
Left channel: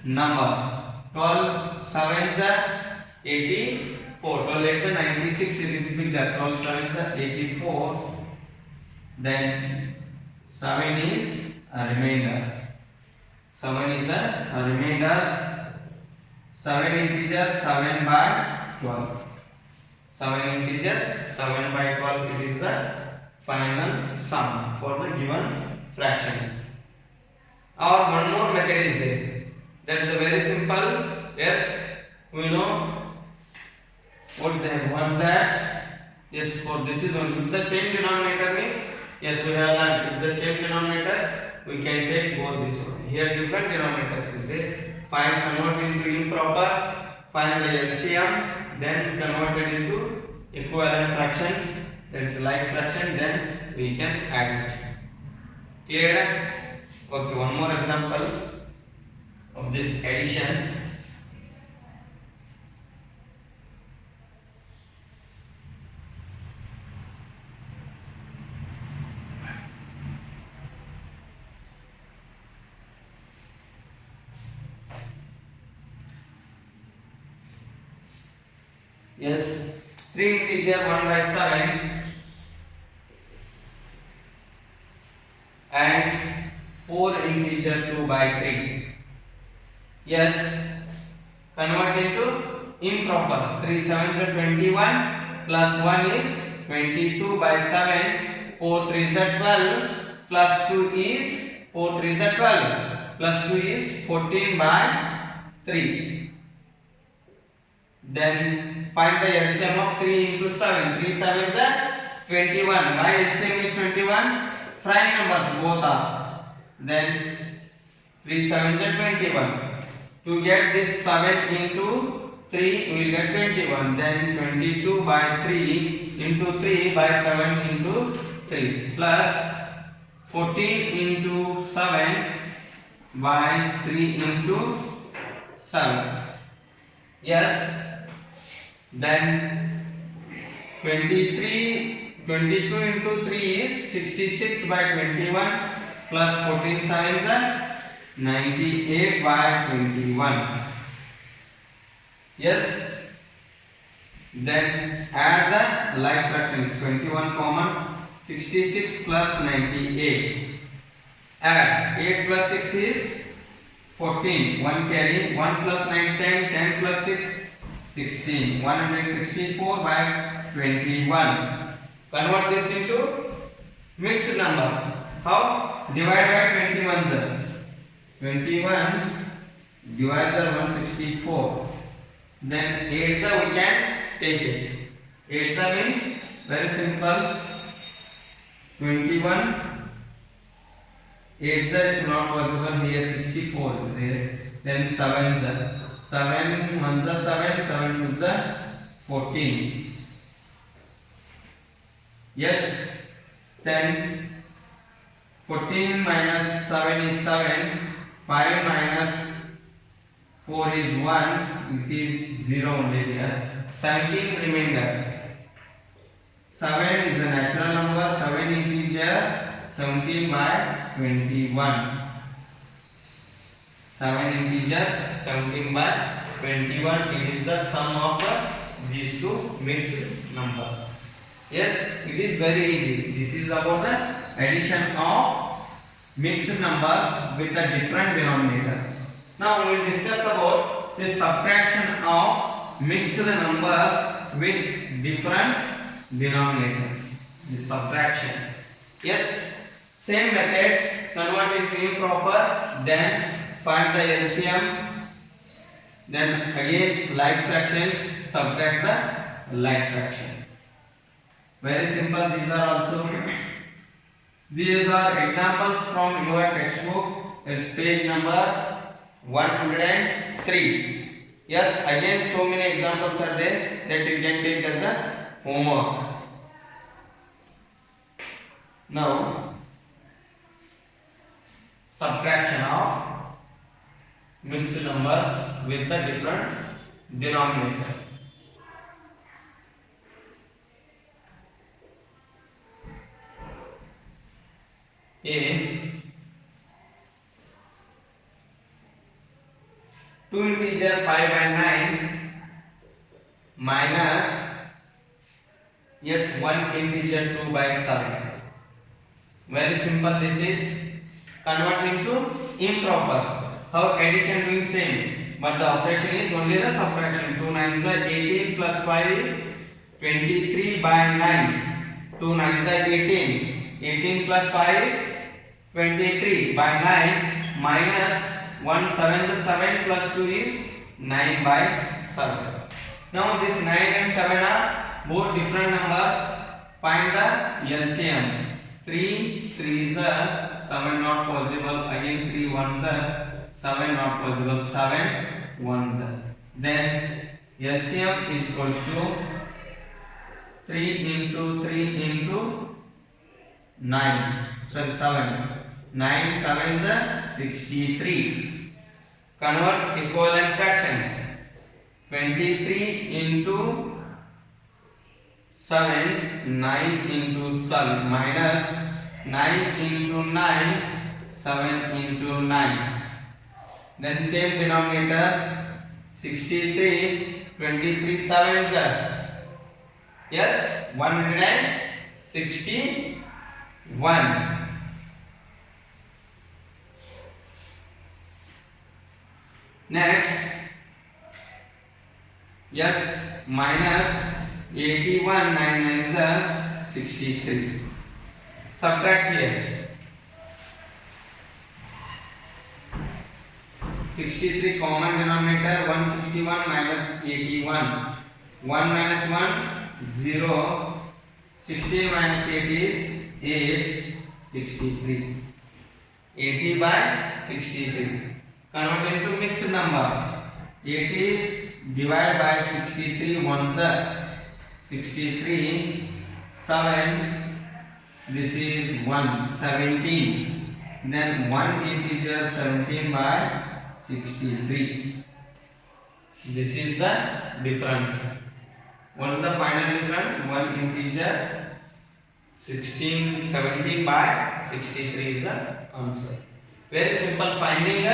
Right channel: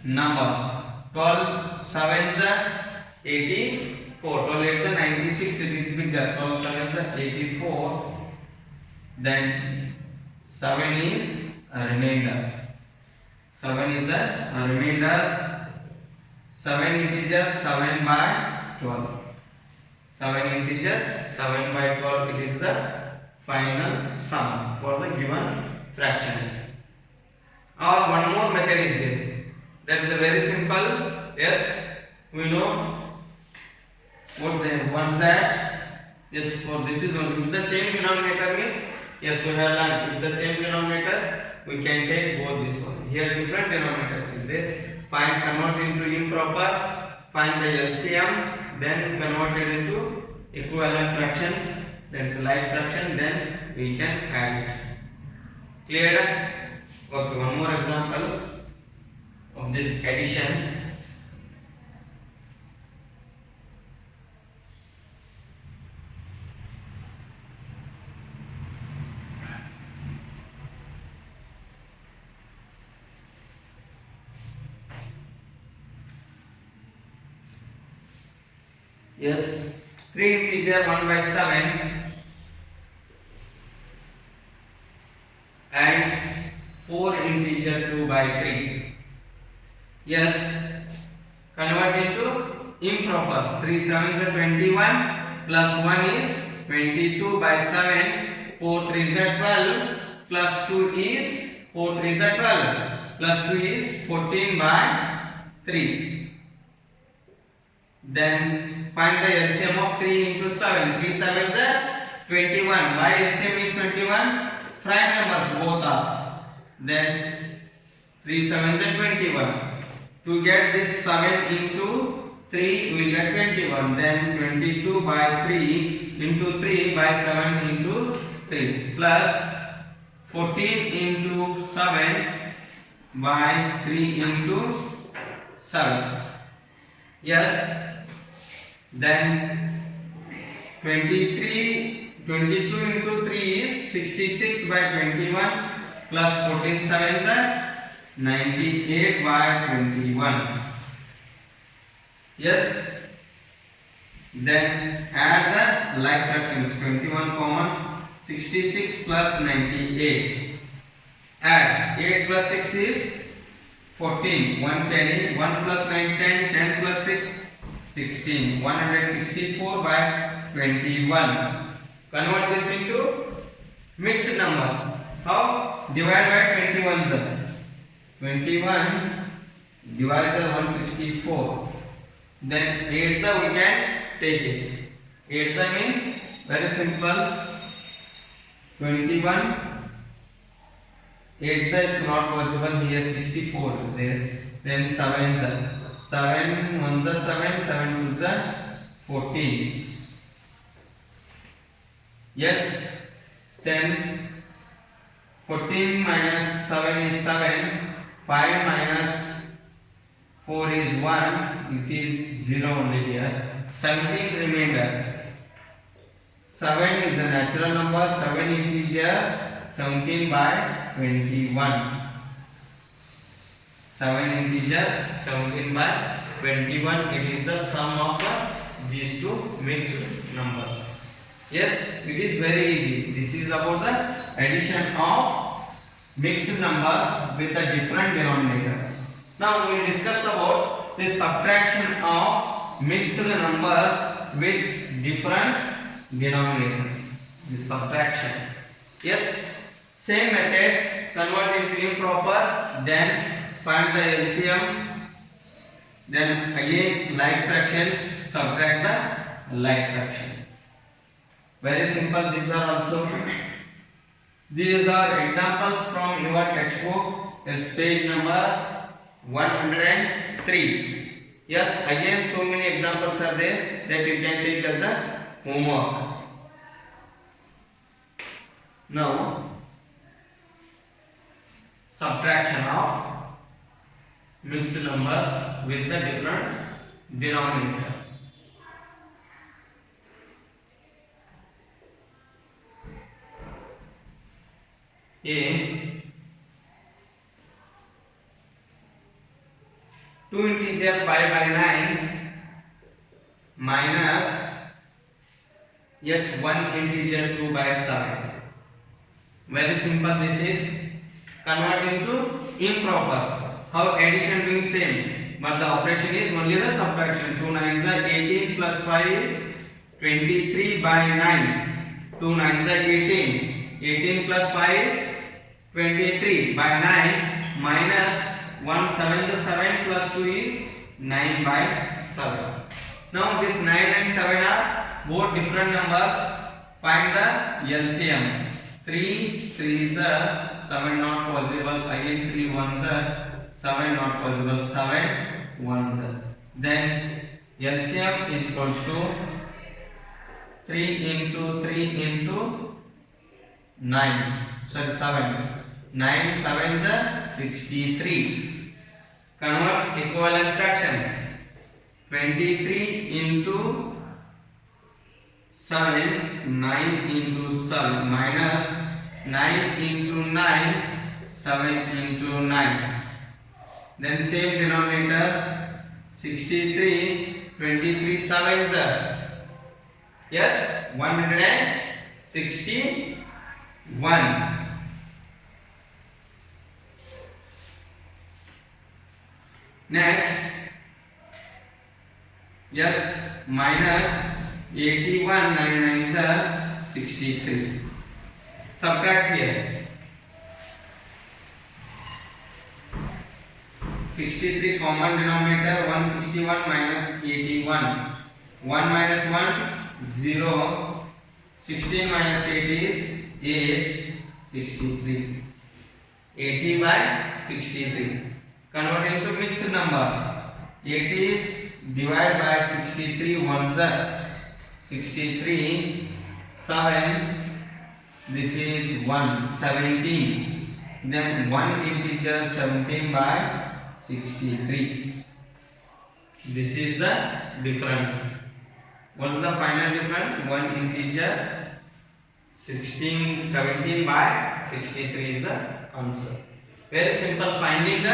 number. 12 7s are 84. 12 8s are 96. It is bigger. 12 7s are 84. Then 7 is a remainder. 7 is a remainder. 7 integer 7 by 12. 7 integer 7 by 12. It is the final sum for the given fractions. Or one more method is there. That is a very simple. Yes, we know what's that. Yes, for this is only if the same denominator means yes we have learned if the same denominator we can take both this one. Here different denominators is there. Find convert into improper. Find the LCM. Then convert it into equivalent fractions. That is like fraction. Then we can add it. Clear? Okay. One more example of this addition. Yes, 3 integer 1 by 7 and 4 integer 2 by 3. Yes, convert into improper. 3 7s are 21 plus 1 is 22 by 7. 4 3s are 12 plus 2 is 4 3s are 12 plus 2 is 14 by 3. Then find the LCM of 3 into 7. 3 7s are 21. Why LCM is 21? Prime numbers both are. Then 3 7s are 21. To get this 7 into 3, we will get 21. Then 22 by 3 into 3 by 7 into 3 plus 14 into 7 by 3 into 7. Yes. Then 22 into 3 is 66 by 21 plus 14 7s are 98 by 21. Yes. Then add the like fractions. 21 common. 66 plus 98. Add 8 plus 6 is 14. 1 carry. 1 plus 9 10. 10 plus 6 16. 164 by 21. Convert this into mixed number. How? Divide by 21. 21 divides by 164. Then 8 we can take it. 8 means very simple. 21. 8 is not possible here. 64 is there. Then 7 7 1s are 7, 7 2s are 14. Yes. Then 14 minus 7 is 7. 5 minus 4 is 1. It is 0 only here. 17 remainder. 7 is a natural number. 7 integer. 17 by 21. 7 integer. 17 by 21. It is the sum of these two mixed numbers. Yes, it is very easy. This is about the addition of mixed numbers with the different denominators. Now we will discuss about the subtraction of mixed numbers with different denominators. The subtraction. Yes, same method, convert into improper, then find the LCM, then again like fractions, subtract the like fraction. Very simple. These are also. These are examples from your textbook. It's page number 103. Yes, again so many examples are there that you can take as a homework. Now, subtraction of mixed numbers with the different denominator. A 2 integer 5 by 9 minus 1 integer 2 by 7. Very simple. This is convert into improper. How addition doing same, but the operation is only the subtraction. 2 9s are 18 plus 5 is 23 by 9. 2 9s are 18. 18 plus 5 is 23 by 9 minus 1 7 is 7 plus 2 is 9 by 7. Now this 9 and 7 are both different numbers. Find the LCM. 3 3s are 7 not possible. Again 3 1s are 7 not possible. 7 1s are. Then LCM is equals to 3 into 3 into 9. Sorry, 7. 9 7s are 63. Convert equivalent fractions. 23 into 7, 9 into 7 minus 9 into 9, 7 into 9. Then same denominator, 63, 23 7s are. Yes, 161. Next, minus 81 9 9s are 63. Subtract here. 63 common denominator, 161 minus 81. 1 minus 1 0. 16 minus 8 is 8. 63. 80 by 63. Convert into mixed number. 80 is divided by 63 ones are 63 7. This is 1 17. Then 1 integer 17 by 63. This is the difference. What is the final difference? 1 integer 17 by 63 is the answer. Very simple. Finding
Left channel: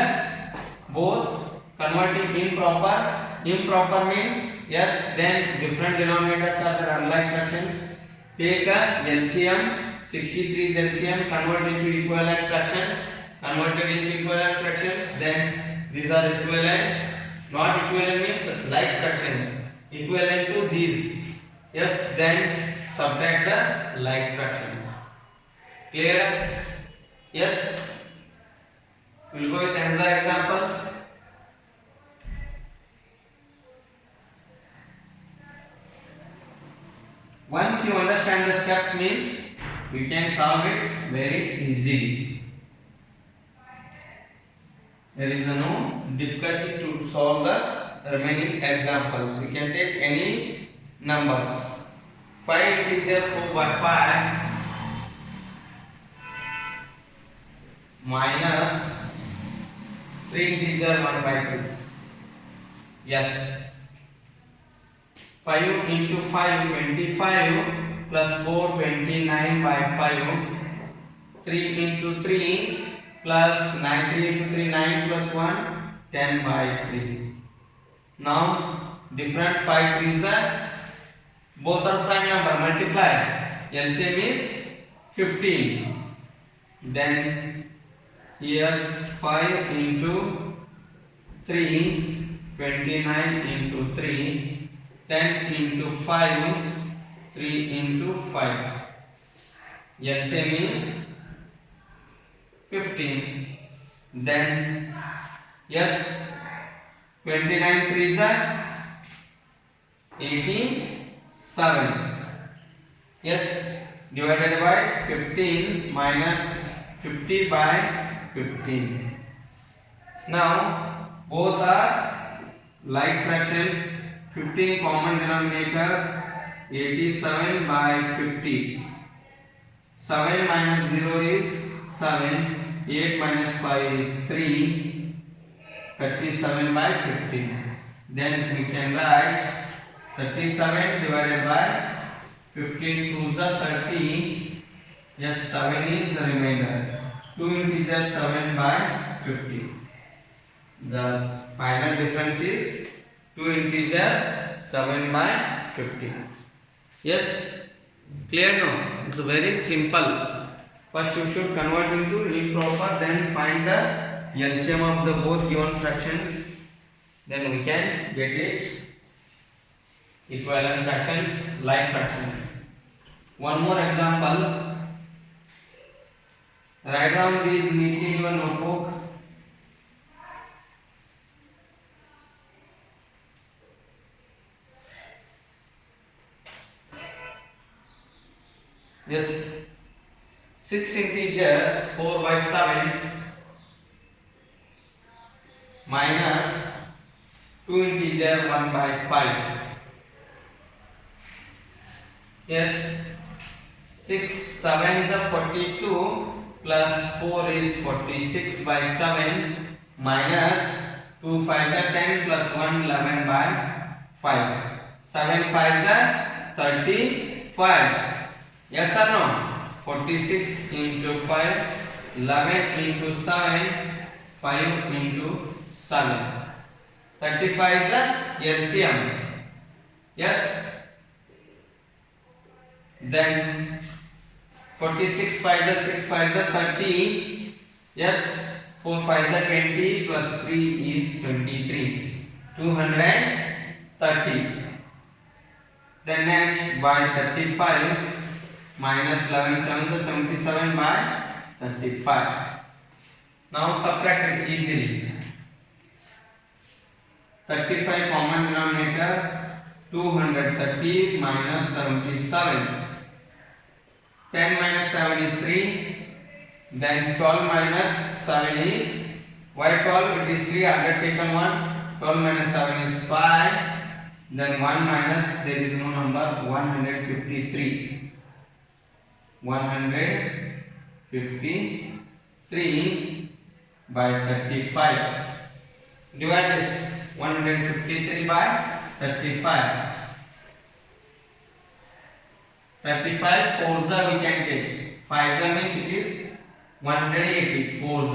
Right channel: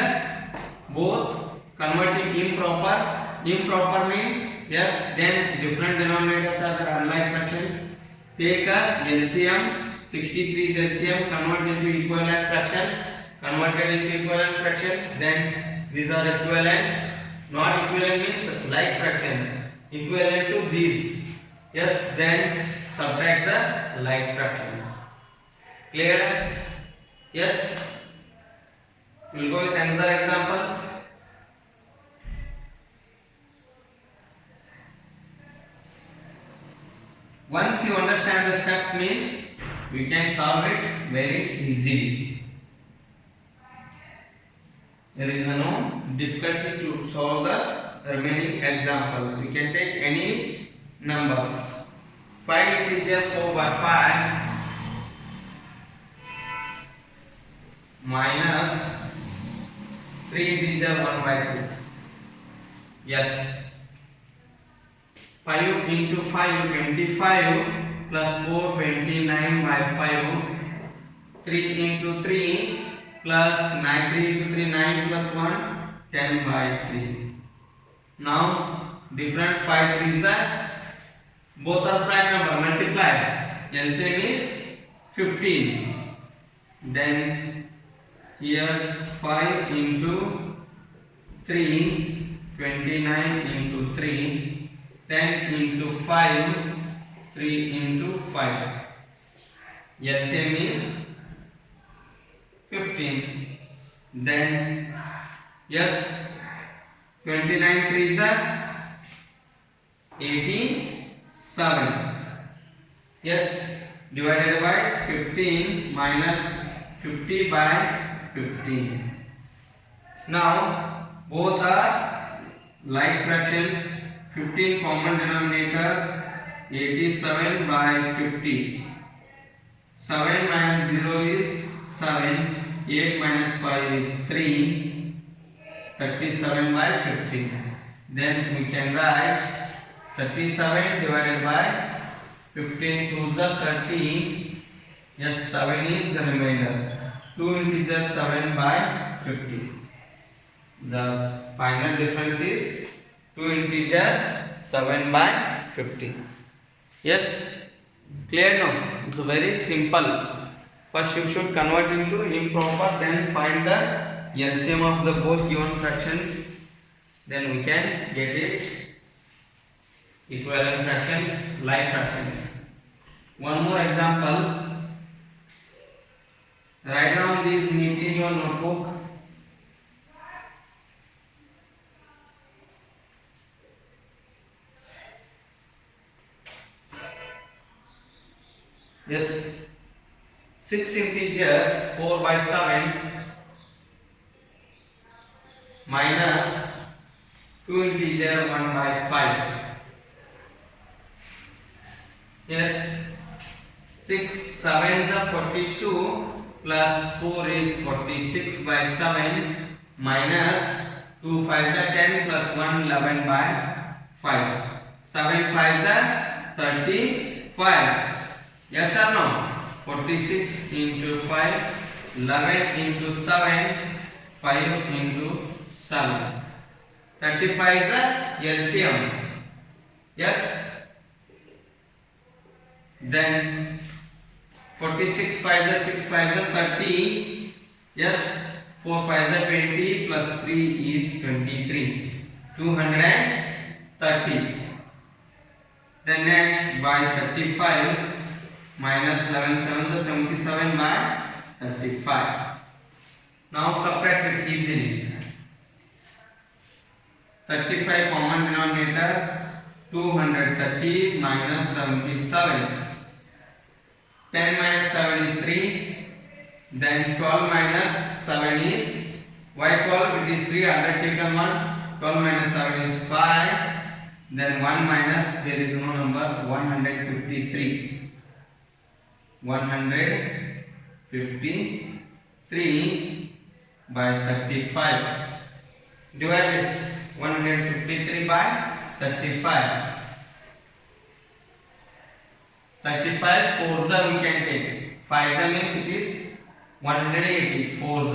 both, converting improper means then different denominators are the unlike fractions. Take a LCM, 63 is LCM, convert into equivalent fractions, converted into equivalent fractions, then these are equivalent. Not equivalent means like fractions, equivalent to these. Then subtract the like fractions. Clear? Yes. We'll go with another example. Once you understand the steps means we can solve it very easily. There is no difficulty to solve the remaining examples. We can take any numbers. 5 integer 4 by 5 minus 3 integer 1 by 3. Yes. 5 into 5 25 plus 4 29 by 5. 3 into 3 plus 9 3 into 3 9 plus 1 10 by 3. Now different 5 3s are both are prime number multiply. LCM is 15. Then here 5 into 3 29 into 3 10 into 5 3 into 5. LCM is 15. Then yes 29 3s are 87. Yes, divided by 15 minus 50 by 15. Now both are like fractions. 15 common denominator, 87 by 50. 7 minus 0 is 7. 8 minus 5 is 3. 37 by 15. Then we can write 37 divided by 15 2s are 30. Yes, 7 is the remainder. 2 integers 7 by 50. The final difference is 2 integer 7 by 50. Yes, clear now? It's very simple. First you should convert into improper, then find the LCM of the both given fractions. Then we can get it equivalent fractions, like fractions. One more example. Write down these neatly in your notebook. Yes, 6 integer 4 by 7 minus 2 integer 1 by 5. Yes, 6 7s are 42 plus 4 is 46 by 7 minus 2 5s are 10 plus 1 11 by 5. 7 5s are 35. Yes or no? 46 into 5, 11 into 7, 5 into 7. 35 is the LCM. Yes. Then 46 5 is 6 5 is 30. Yes. 4 5 is 20 plus 3 is 23. 230. Then next by 35 minus 11 7 is 77 by 35. Now subtract it easily. 35 common denominator, 230 minus 77. 10 minus 7 is 3. Then 12 minus 7 is, why 12? It is 3 undertaken 1. 12 minus 7 is 5. Then 1 minus, there is no number, 153. 153 by 35. Divide this 153 by 35. 35 4s we can take. 5s means it is 180. 4s.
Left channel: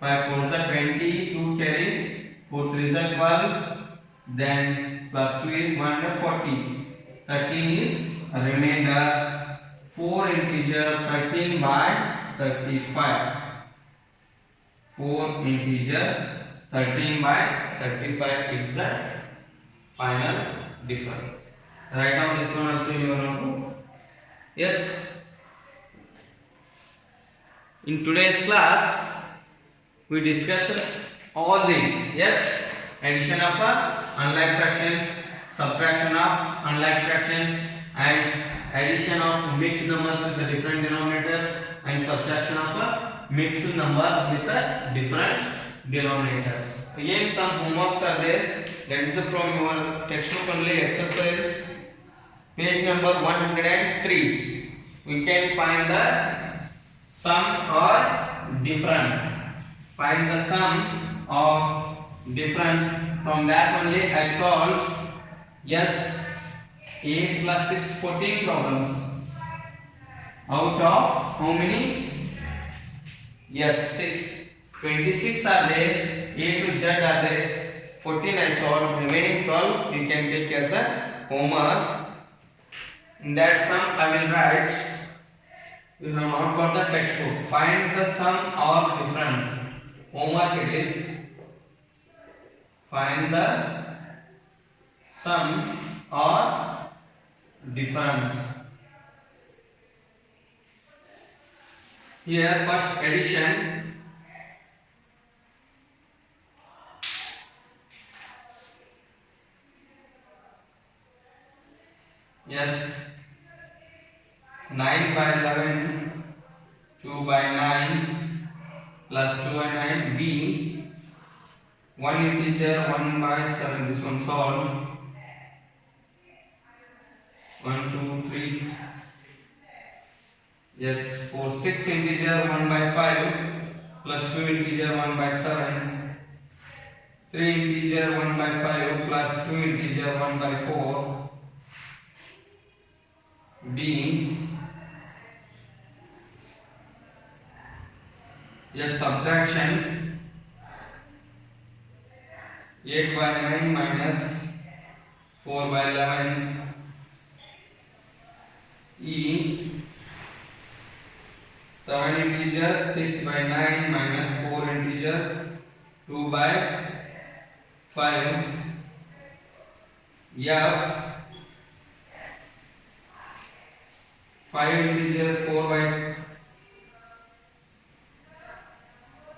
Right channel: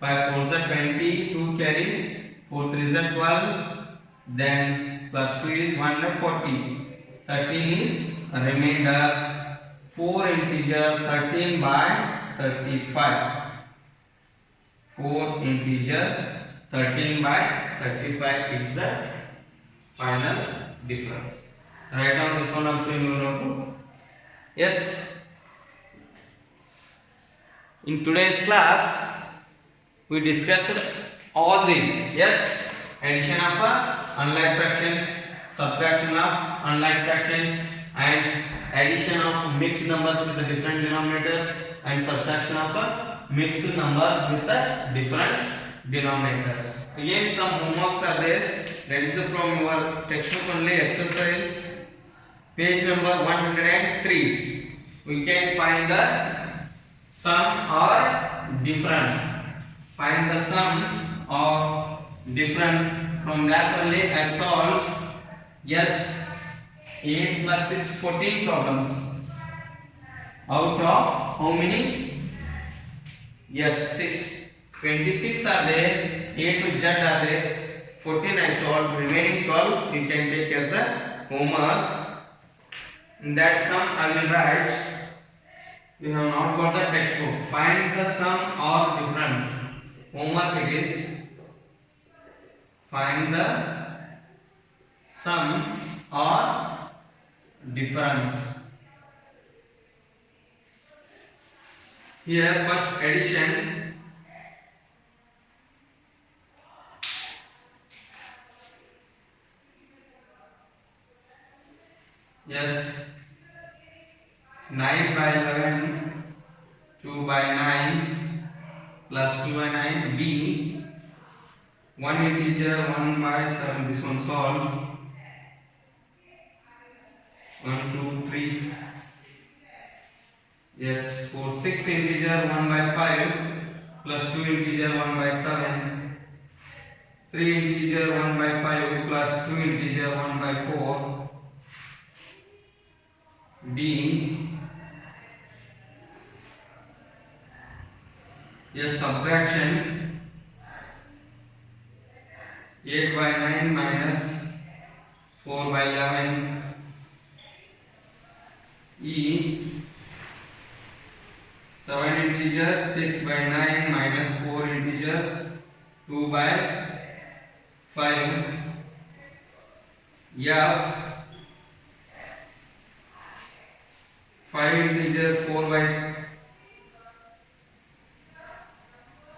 5 4s 20. 2 carry. 4 3s 12. Then plus 2 is 140. 13 is a remainder. 4 integer 13 by 35. 4 integer 13 by 35 is the final difference. Write down this one also in your notebook. Yes. In today's class, we discussed all these. Yes. Addition of unlike fractions, subtraction of unlike fractions, and addition of mixed numbers with the different denominators, and subtraction of mixed numbers with the different denominators. Again, some homeworks are there. That is from your textbook only, exercise page number 103. We can find the sum or difference. Find the sum or difference. From that only I solved. Yes, 8 plus 6, 14 problems. Out of how many? Yes, 26 are there, A to Z are there, 14 I solved, remaining 12 we can take as a homework. In that sum I will write, you have not got the textbook, find the sum or difference. Homework it is, find the sum or difference. Here first addition, yes, 9 by 11, 2 by 9 plus 2 by 9, B, 1 integer 1 by 7, this one solved, 1, 2, 3, yes, 4, 6 integer 1 by 5 plus 2 integer 1 by 7, 3 integer 1 by 5 plus 2 integer 1 by 4, B, yes, subtraction, 8 by 9 minus 4 by 11, E, 7 integer 6 by 9 minus 4 integer 2 by 5, F, 5 integer 4 by,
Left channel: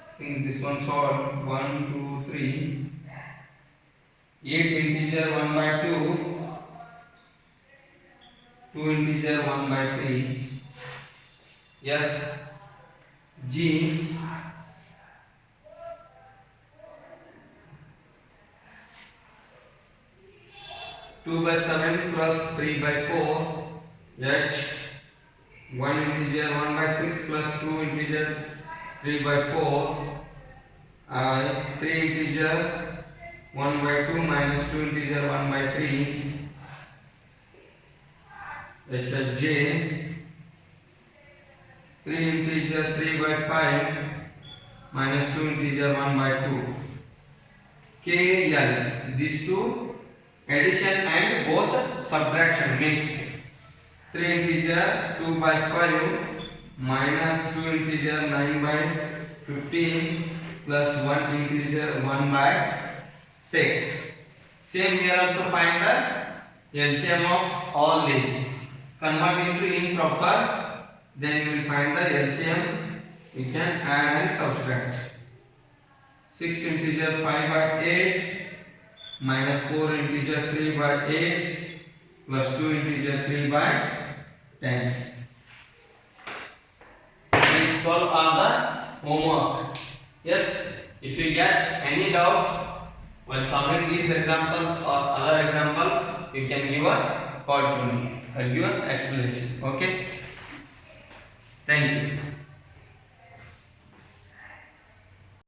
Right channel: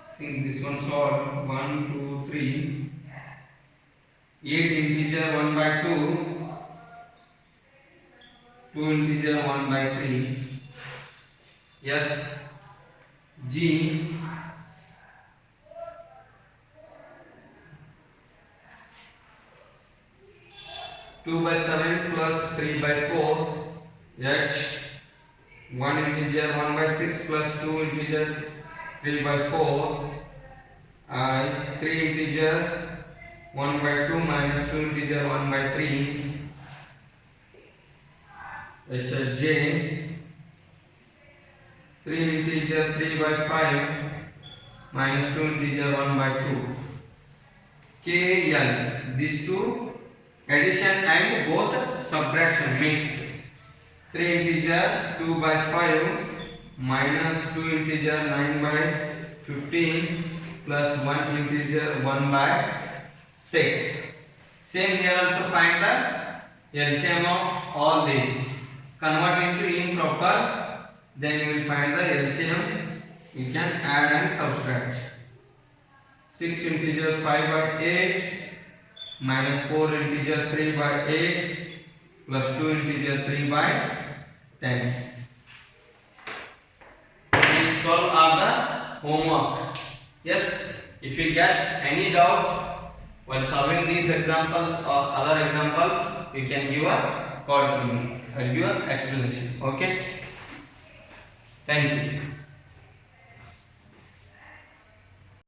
I think this one solved, 1, 2, 3, 8 integer 1 by 2, 2 integer 1 by 3, yes, G, 2 by 7 plus 3 by 4, H, 1 integer 1 by 6 plus 2 integer 3 by 4, I, 3 integer 1 by 2 minus 2 integer 1 by 3, H, J, 3 integer 3 by 5 minus 2 integer 1 by 2, K, L, these two addition and both subtraction mix, 3 integer 2 by 5 minus 2 integer 9 by 15 plus 1 integer 1 by 6. Same here also find the LCM of all these. Convert into improper, then you will find the LCM. You can add and subtract. 6 integer 5 by 8 minus 4 integer 3 by 8 plus 2 integer 3 by 10. These 12 are the homework. Yes, if you get any doubt while solving these examples or other examples, you can give a call to me or give an explanation. Okay. Thank you.